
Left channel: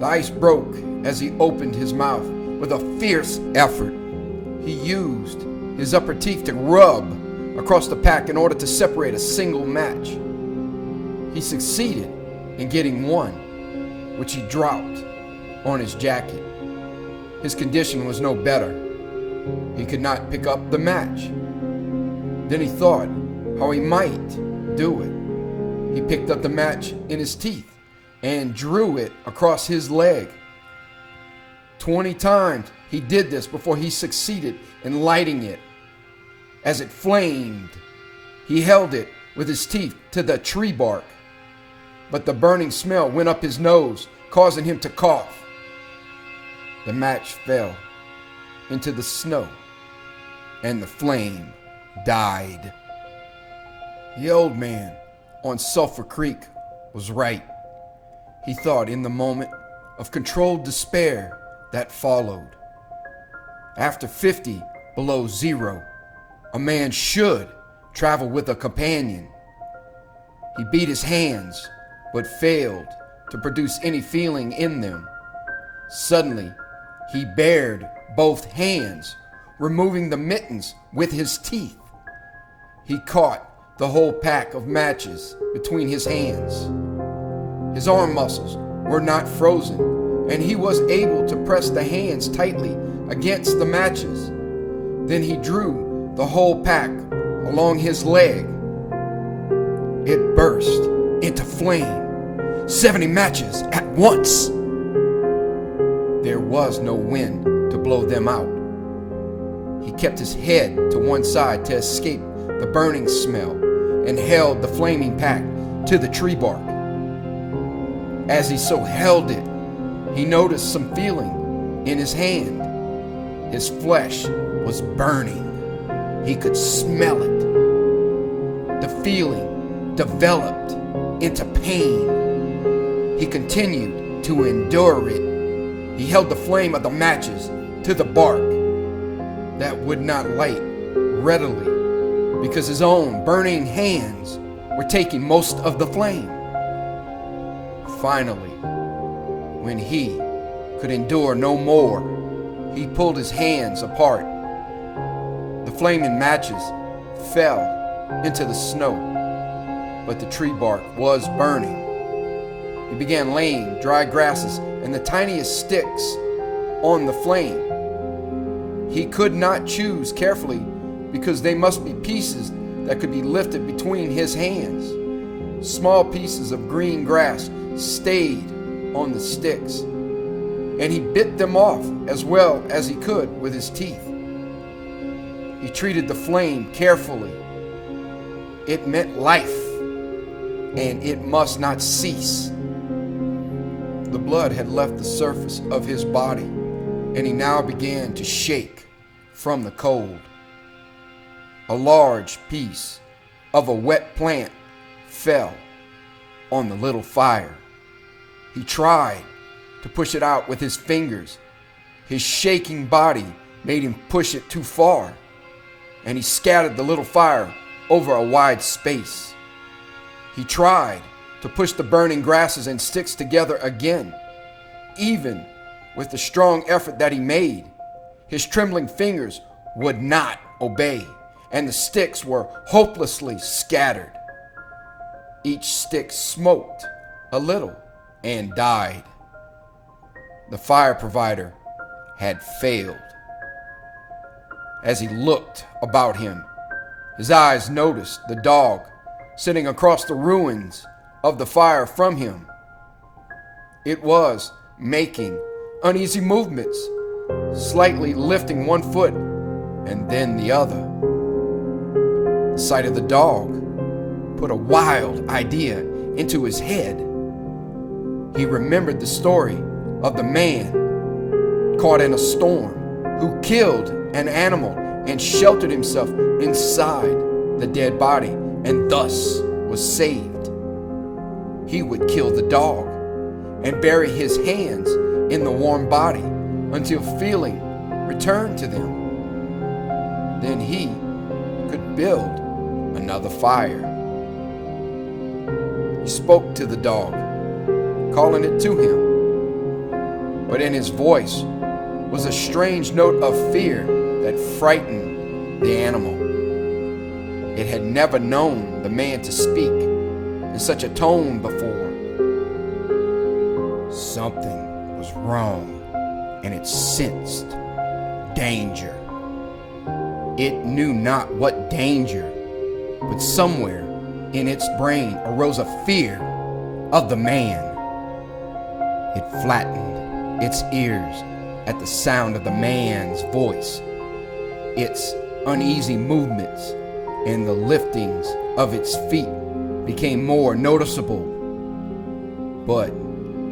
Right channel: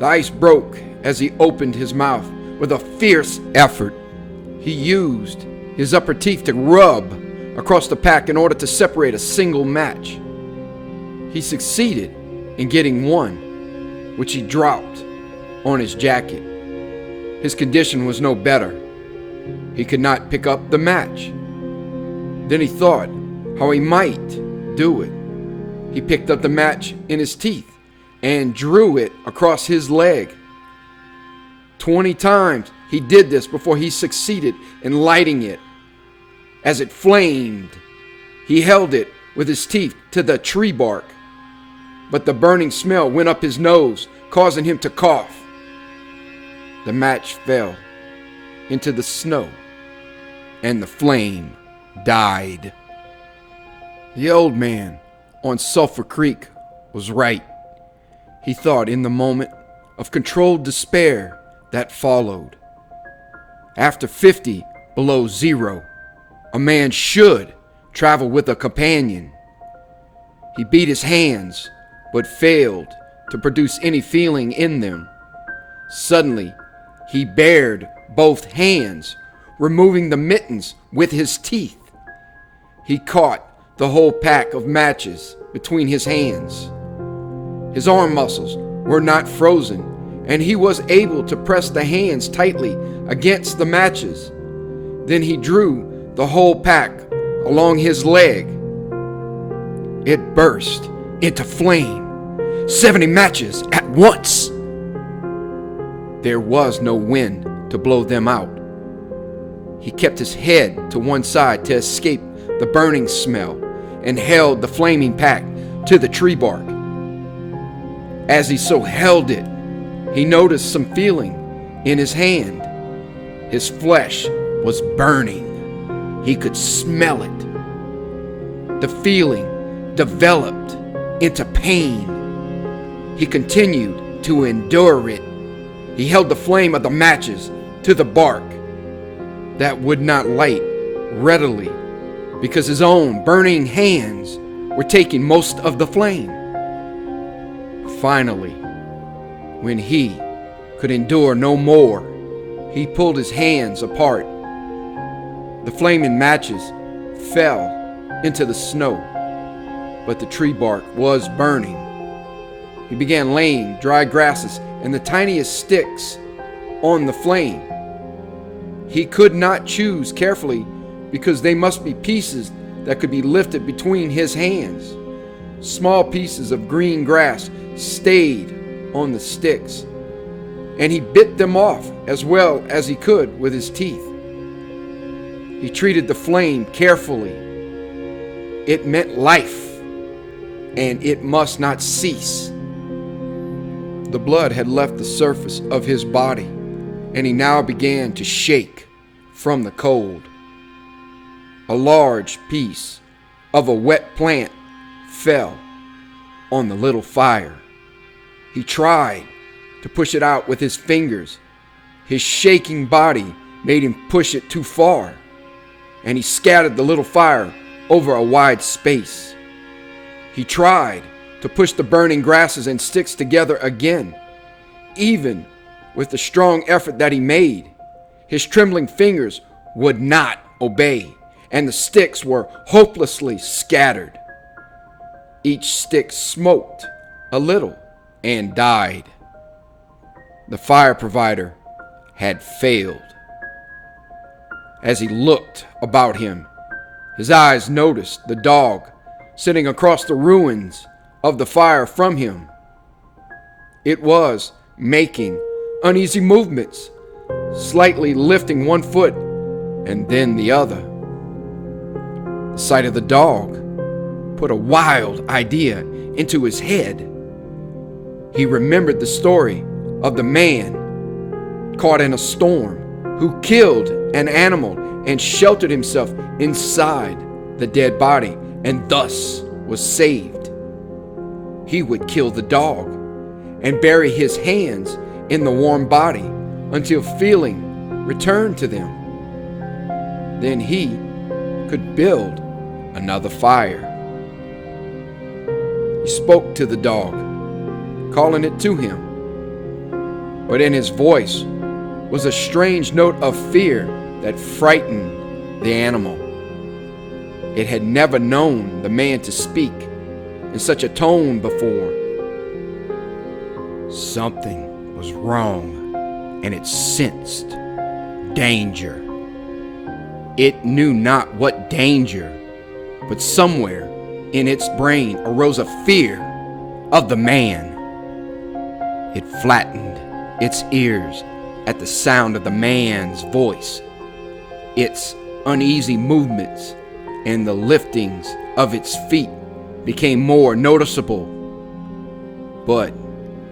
The ice broke as he opened his mouth with a fierce effort. He used his upper teeth to rub across the pack in order to separate a single match. He succeeded in getting one, which he dropped on his jacket. His condition was no better. He could not pick up the match. Then he thought how he might do it. He picked up the match in his teeth and drew it across his leg. 20 times he did this before he succeeded in lighting it. As it flamed, he held it with his teeth to the tree bark, but the burning smell went up his nose, causing him to cough. The match fell into the snow, and the flame died. The old man on Sulphur Creek was right. He thought in the moment of controlled despair that followed. After 50 below zero, a man should travel with a companion. He beat his hands, but failed to produce any feeling in them. Suddenly, he bared both hands, removing the mittens with his teeth. He caught the whole pack of matches between his hands. His arm muscles were not frozen, and he was able to press the hands tightly against the matches. Then he drew the whole pack along his leg. It burst into flame, 70 matches at once. There was no wind to blow them out. He kept his head to one side to escape the burning smell and held the flaming pack to the tree bark. As he so held it, he noticed some feeling in his hand. His flesh was burning. He could smell it. The feeling developed into pain. He continued to endure it. He held the flame of the matches to the bark that would not light readily because his own burning hands were taking most of the flame. Finally, when he could endure no more, he pulled his hands apart. The flaming matches fell into the snow, but the tree bark was burning. He began laying dry grasses and the tiniest sticks on the flame. He could not choose carefully because they must be pieces that could be lifted between his hands. Small pieces of green grass stayed on the sticks, and he bit them off as well as he could with his teeth. He treated the flame carefully. It meant life, and it must not cease. The blood had left the surface of his body, and he now began to shake from the cold. A large piece of a wet plant fell on the little fire. He tried to push it out with his fingers. His shaking body made him push it too far, and he scattered the little fire over a wide space. He tried to push the burning grasses and sticks together again. Even with the strong effort that he made, his trembling fingers would not obey, and the sticks were hopelessly scattered. Each stick smoked a little and died. The fire provider had failed. As he looked about him, his eyes noticed the dog sitting across the ruins of the fire from him. It was making uneasy movements, slightly lifting one foot and then the other. The sight of the dog put a wild idea into his head. He remembered the story of the man caught in a storm who killed an animal and sheltered himself inside the dead body and thus was saved. He would kill the dog and bury his hands in the warm body until feeling returned to them. Then he could build another fire. He spoke to the dog, calling it to him, but in his voice was a strange note of fear that frightened the animal. It had never known the man to speak in such a tone before. Something was wrong, and it sensed danger. It knew not what danger, but somewhere in its brain arose a fear of the man. It flattened its ears at the sound of the man's voice. Its uneasy movements and the liftings of its feet became more noticeable. But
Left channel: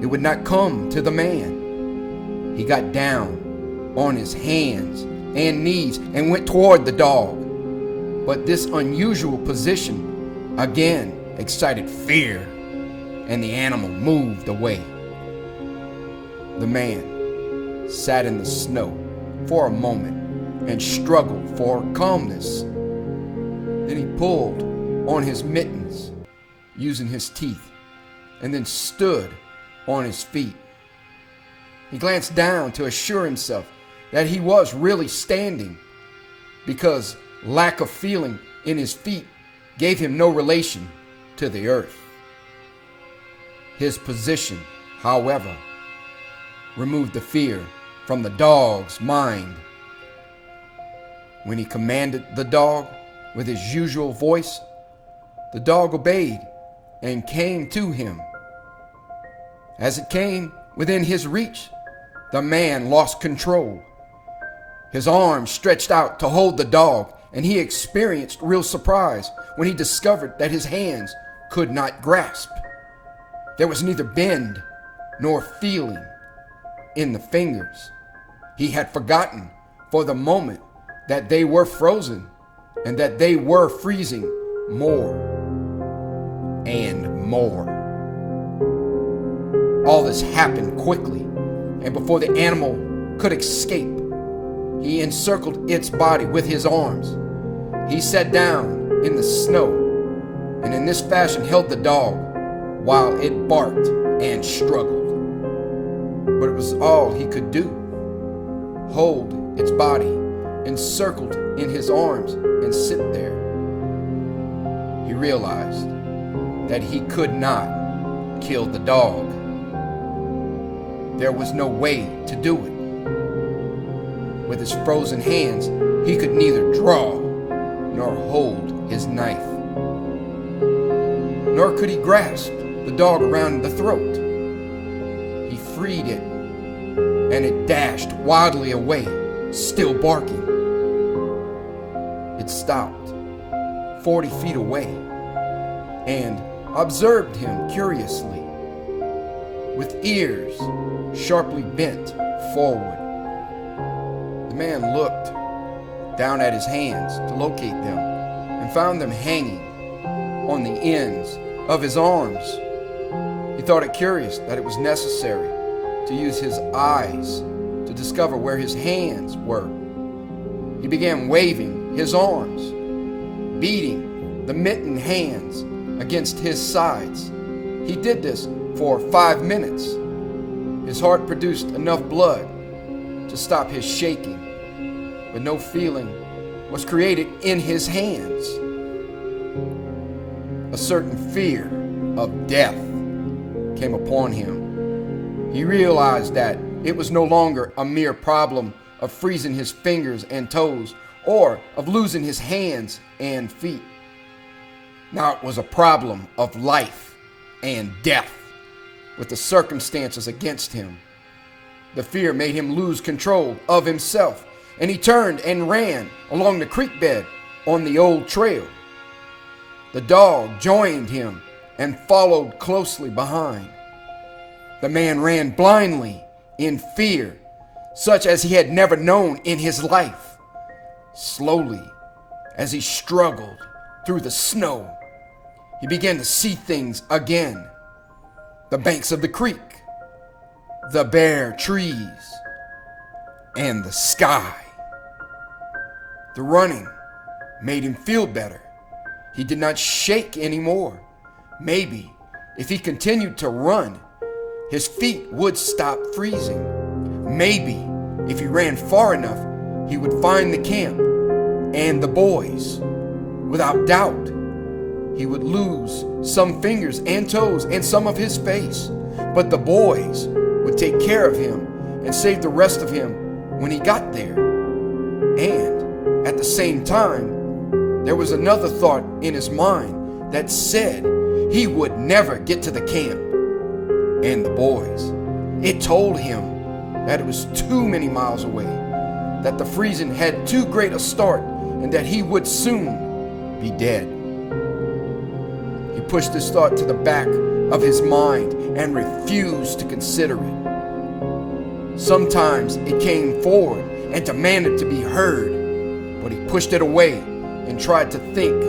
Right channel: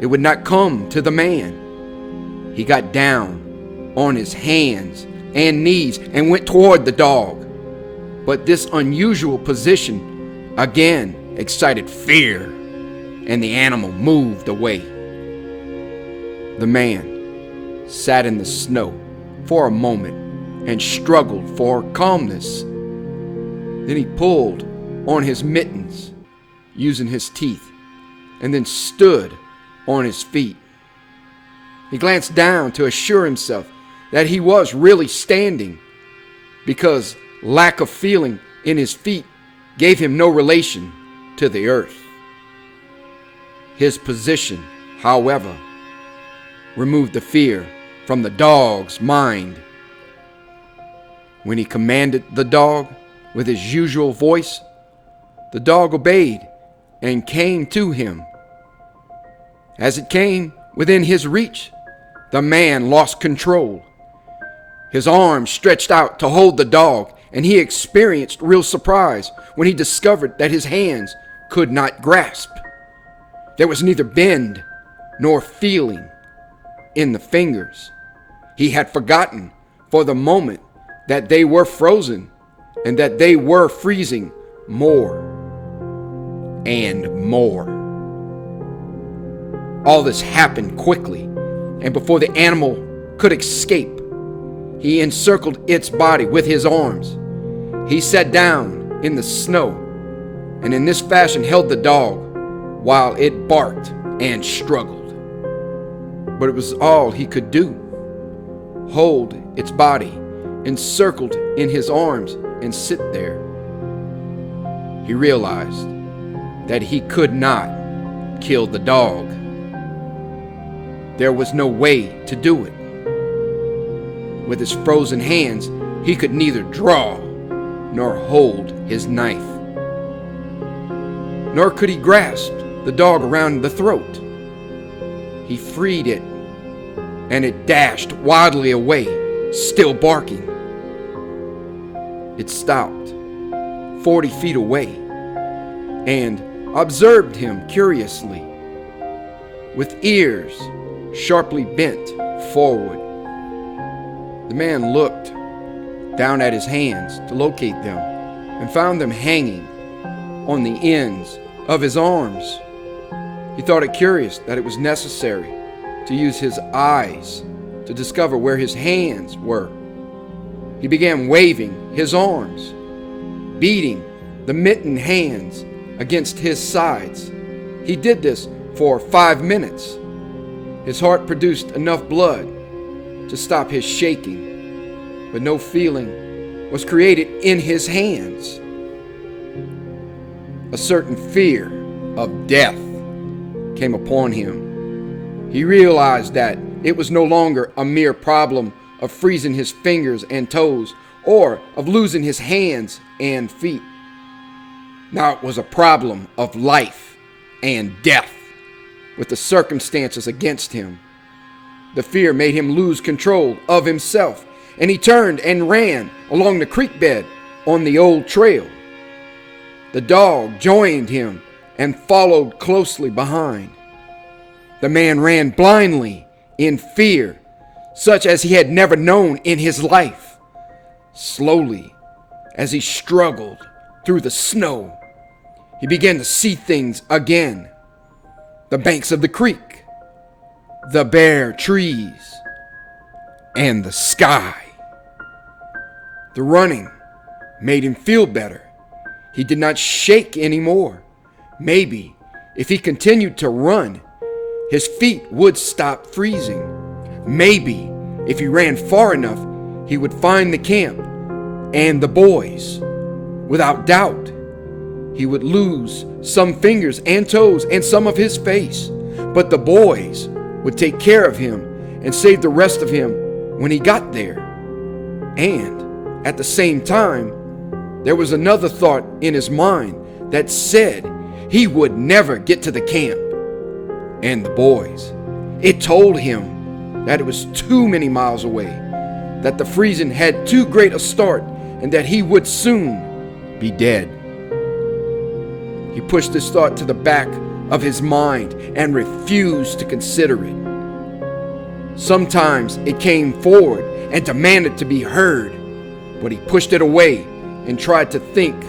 it would not come to the man. He got down on his hands and knees and went toward the dog. But this unusual position again excited fear, and the animal moved away. The man sat in the snow for a moment and struggled for calmness. Then he pulled on his mittens using his teeth and then stood on his feet. He glanced down to assure himself that he was really standing, because lack of feeling in his feet gave him no relation to the earth. His position, however, removed the fear from the dog's mind. When he commanded the dog with his usual voice, the dog obeyed and came to him. As it came within his reach, the man lost control. His arms stretched out to hold the dog, and he experienced real surprise when he discovered that his hands could not grasp. There was neither bend nor feeling in the fingers. He had forgotten for the moment that they were frozen and that they were freezing more and more. All this happened quickly, and before the animal could escape, he encircled its body with his arms. He sat down in the snow and in this fashion held the dog while it barked and struggled. But it was all he could do. Hold its body encircled in his arms and sit there. He realized that he could not kill the dog. There was no way to do it. With his frozen hands, he could neither draw nor hold his knife. Nor could he grasp the dog around the throat. He freed it, and it dashed wildly away, still barking. It stopped 40 feet away and observed him curiously, with ears sharply bent forward. The man looked down at his hands to locate them and found them hanging on the ends of his arms. He thought it curious that it was necessary to use his eyes to discover where his hands were. He began waving his arms, beating the mittened hands against his sides. He did this for 5 minutes. His heart produced enough blood to stop his shaking, but no feeling was created in his hands. A certain fear of death came upon him. He realized that it was no longer a mere problem of freezing his fingers and toes or of losing his hands and feet. Now it was a problem of life and death, with the circumstances against him. The fear made him lose control of himself, and he turned and ran along the creek bed on the old trail. The dog joined him and followed closely behind. The man ran blindly in fear, such as he had never known in his life. Slowly, as he struggled through the snow, he began to see things again. The banks of the creek, the bare trees, and the sky. The running made him feel better. He did not shake anymore. Maybe if he continued to run, his feet would stop freezing. Maybe if he ran far enough, he would find the camp and the boys. Without doubt, he would lose some fingers and toes and some of his face, but the boys would take care of him and save the rest of him when he got there. And At the same time, there was another thought in his mind that said he would never get to the camp and the boys. It told him that it was too many miles away, that the freezing had too great a start, and that he would soon be dead. He pushed this thought to the back of his mind and refused to consider it. Sometimes it came forward and demanded to be heard, but he pushed it away and tried to think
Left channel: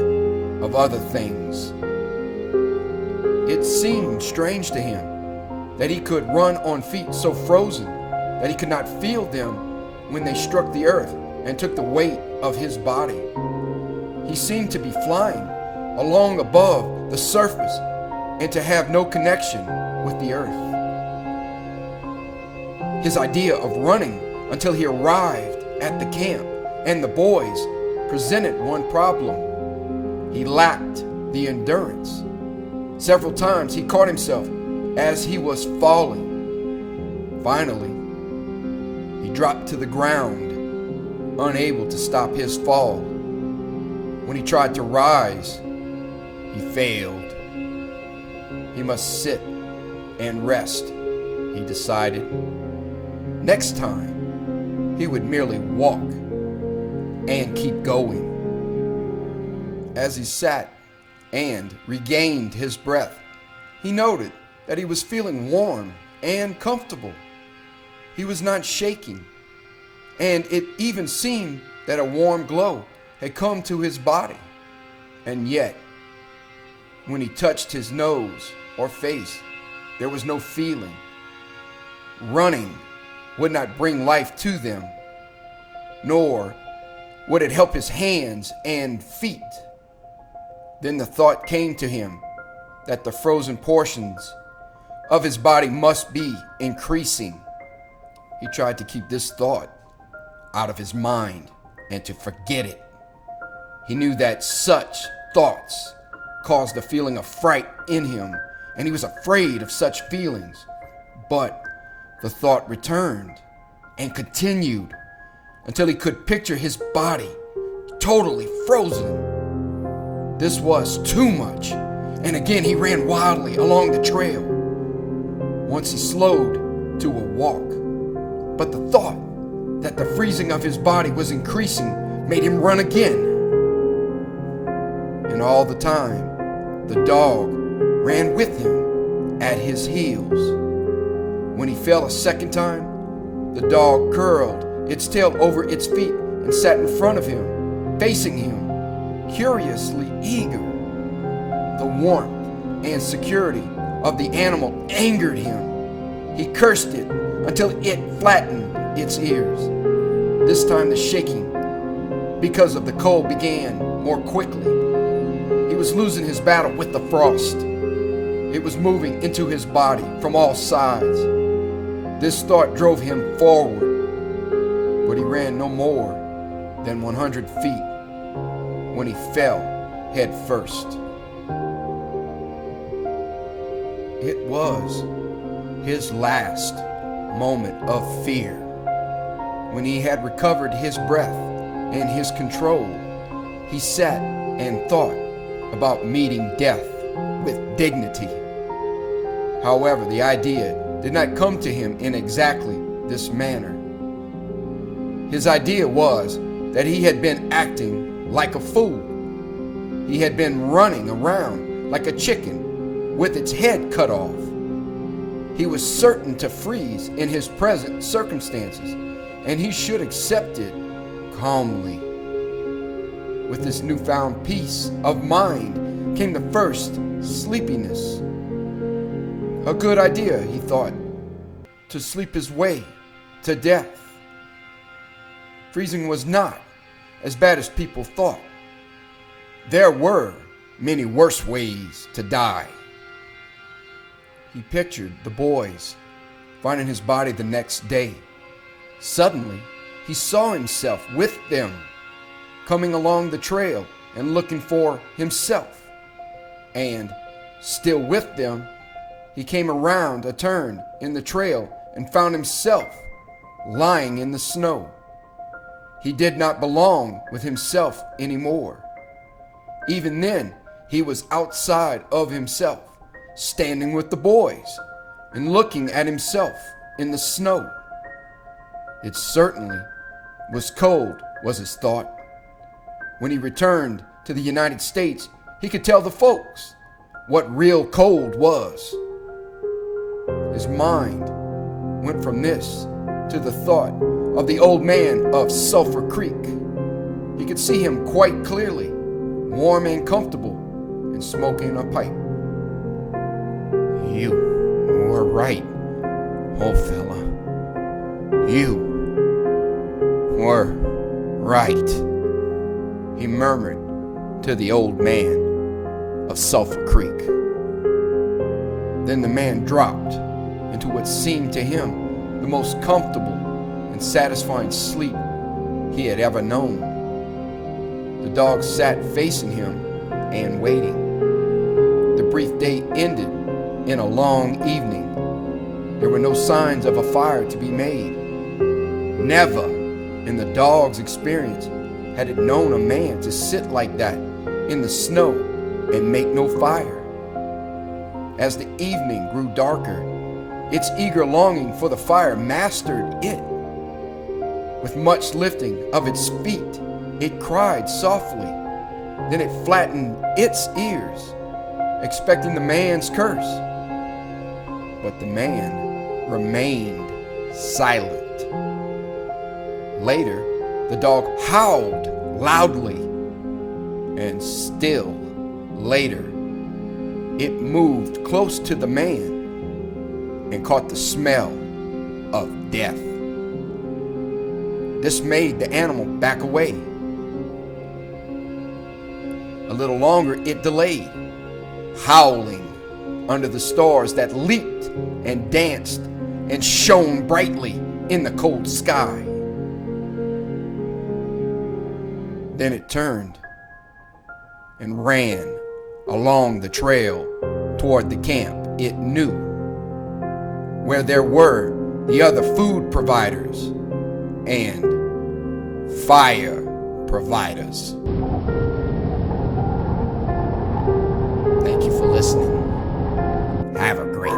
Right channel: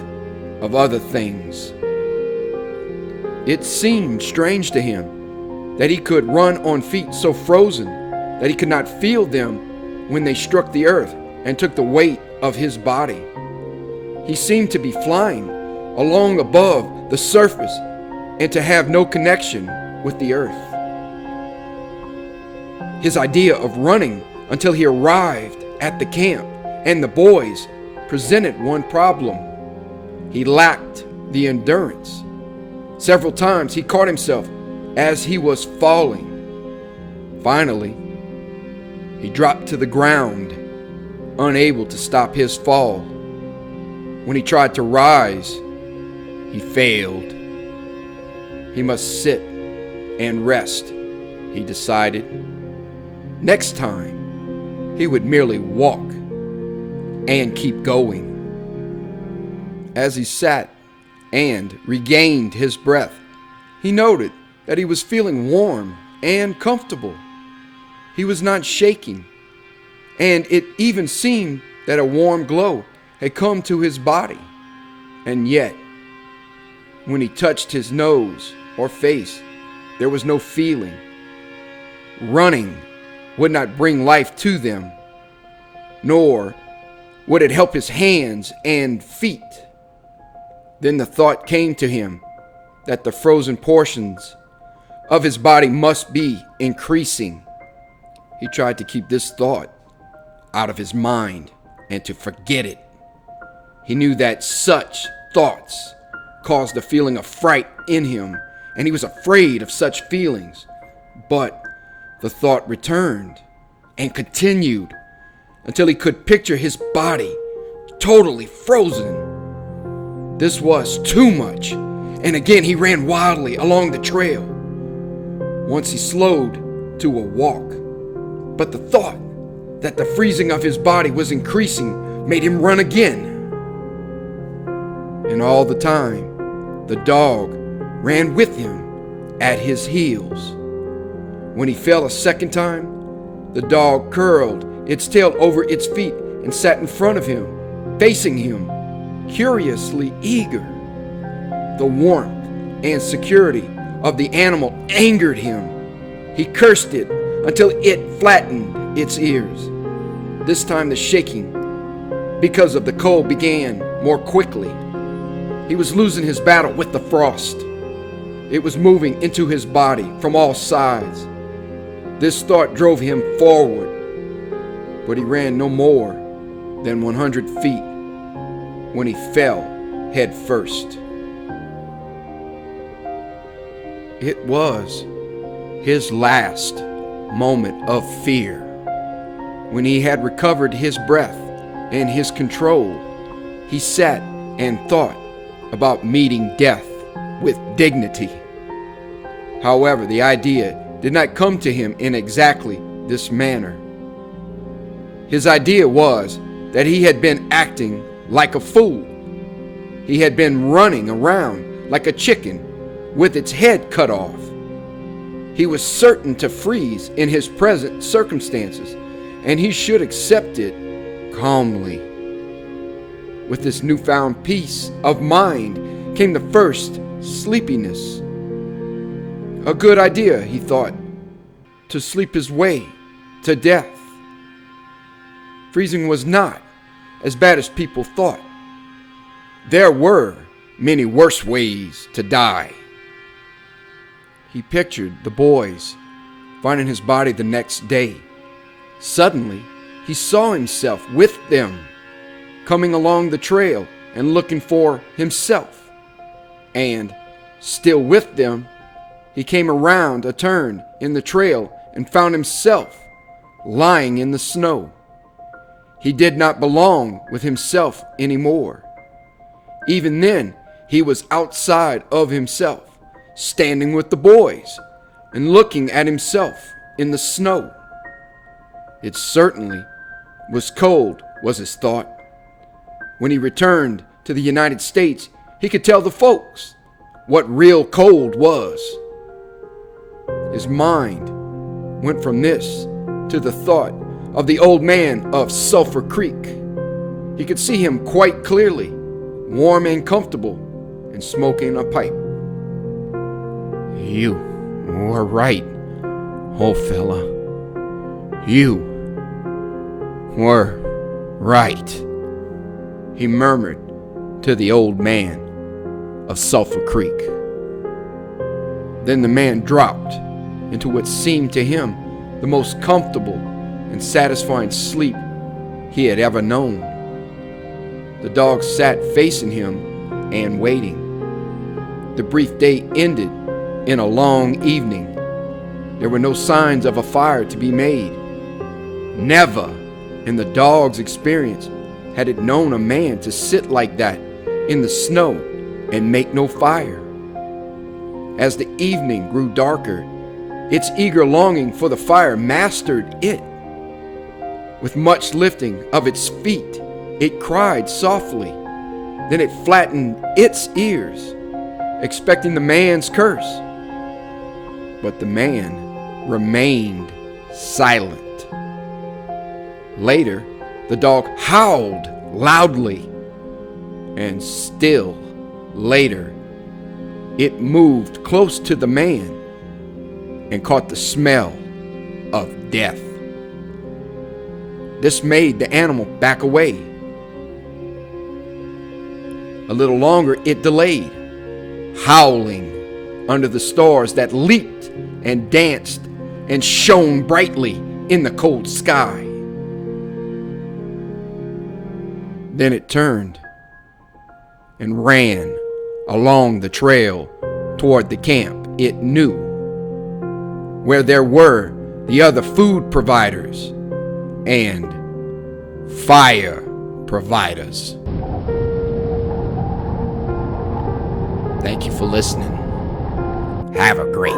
of other things. It seemed strange to him that he could run on feet so frozen that he could not feel them when they struck the earth and took the weight of his body. He seemed to be flying along above the surface and to have no connection with the earth. His idea of running until he arrived at the camp and the boys presented one problem. He lacked the endurance. Several times he caught himself as he was falling. Finally, he dropped to the ground, unable to stop his fall. When he tried to rise, he failed. He must sit and rest, he decided. Next time, he would merely walk and keep going. As he sat and regained his breath, he noted that he was feeling warm and comfortable. He was not shaking, and it even seemed that a warm glow had come to his body. And yet, when he touched his nose or face, there was no feeling. Running would not bring life to them, nor would it help his hands and feet. Then the thought came to him that the frozen portions of his body must be increasing. He tried to keep this thought out of his mind and to forget it. He knew that such thoughts caused a feeling of fright in him, and he was afraid of such feelings. But the thought returned and continued until he could picture his body totally frozen. This was too much, and again he ran wildly along the trail. Once he slowed to a walk, but the thought that the freezing of his body was increasing made him run again. And all the time, the dog ran with him at his heels. When he fell a second time, the dog curled its tail over its feet and sat in front of him, facing him, curiously eager. The warmth and security of the animal angered him. He cursed it until it flattened its ears. This time the shaking, because of the cold, began more quickly. He was losing his battle with the frost. It was moving into his body from all sides. This thought drove him forward, but he ran no more than 100 feet when he fell head first. It was his last moment of fear. When he had recovered his breath and his control, he sat and thought about meeting death with dignity. However, the idea did not come to him in exactly this manner. His idea was that he had been acting like a fool. He had been running around like a chicken with its head cut off. He was certain to freeze in his present circumstances, and he should accept it calmly. With this newfound peace of mind came the first sleepiness. A good idea, he thought, to sleep his way to death. Freezing was not as bad as people thought. There were many worse ways to die. He pictured the boys finding his body the next day. Suddenly, he saw himself with them, coming along the trail and looking for himself. And, still with them, he came around a turn in the trail and found himself lying in the snow. He did not belong with himself anymore. Even then, he was outside of himself, standing with the boys and looking at himself in the snow. It certainly was cold, was his thought. When he returned to the United States, he could tell the folks what real cold was. His mind went from this to the thought of the old man of Sulphur Creek. He could see him quite clearly, warm and comfortable, and smoking a pipe. "You were right, old fella. You were right," he murmured to the old man of Sulphur Creek. Then the man dropped into what seemed to him the most comfortable and satisfying sleep he had ever known. The dog sat facing him and waiting. The brief day ended in a long evening. There were no signs of a fire to be made. Never in the dog's experience had it known a man to sit like that in the snow and make no fire. As the evening grew darker, its eager longing for the fire mastered it. With much lifting of its feet, it cried softly. Then it flattened its ears, expecting the man's curse. But the man remained silent. Later, the dog howled loudly, and still later, it moved close to the man and caught the smell of death. This made the animal back away. A little longer it delayed, howling under the stars that leaped and danced and shone brightly in the cold sky. Then it turned and ran along the trail toward the camp it knew, where there were the other food providers and fire providers. Thank you for listening. Have a great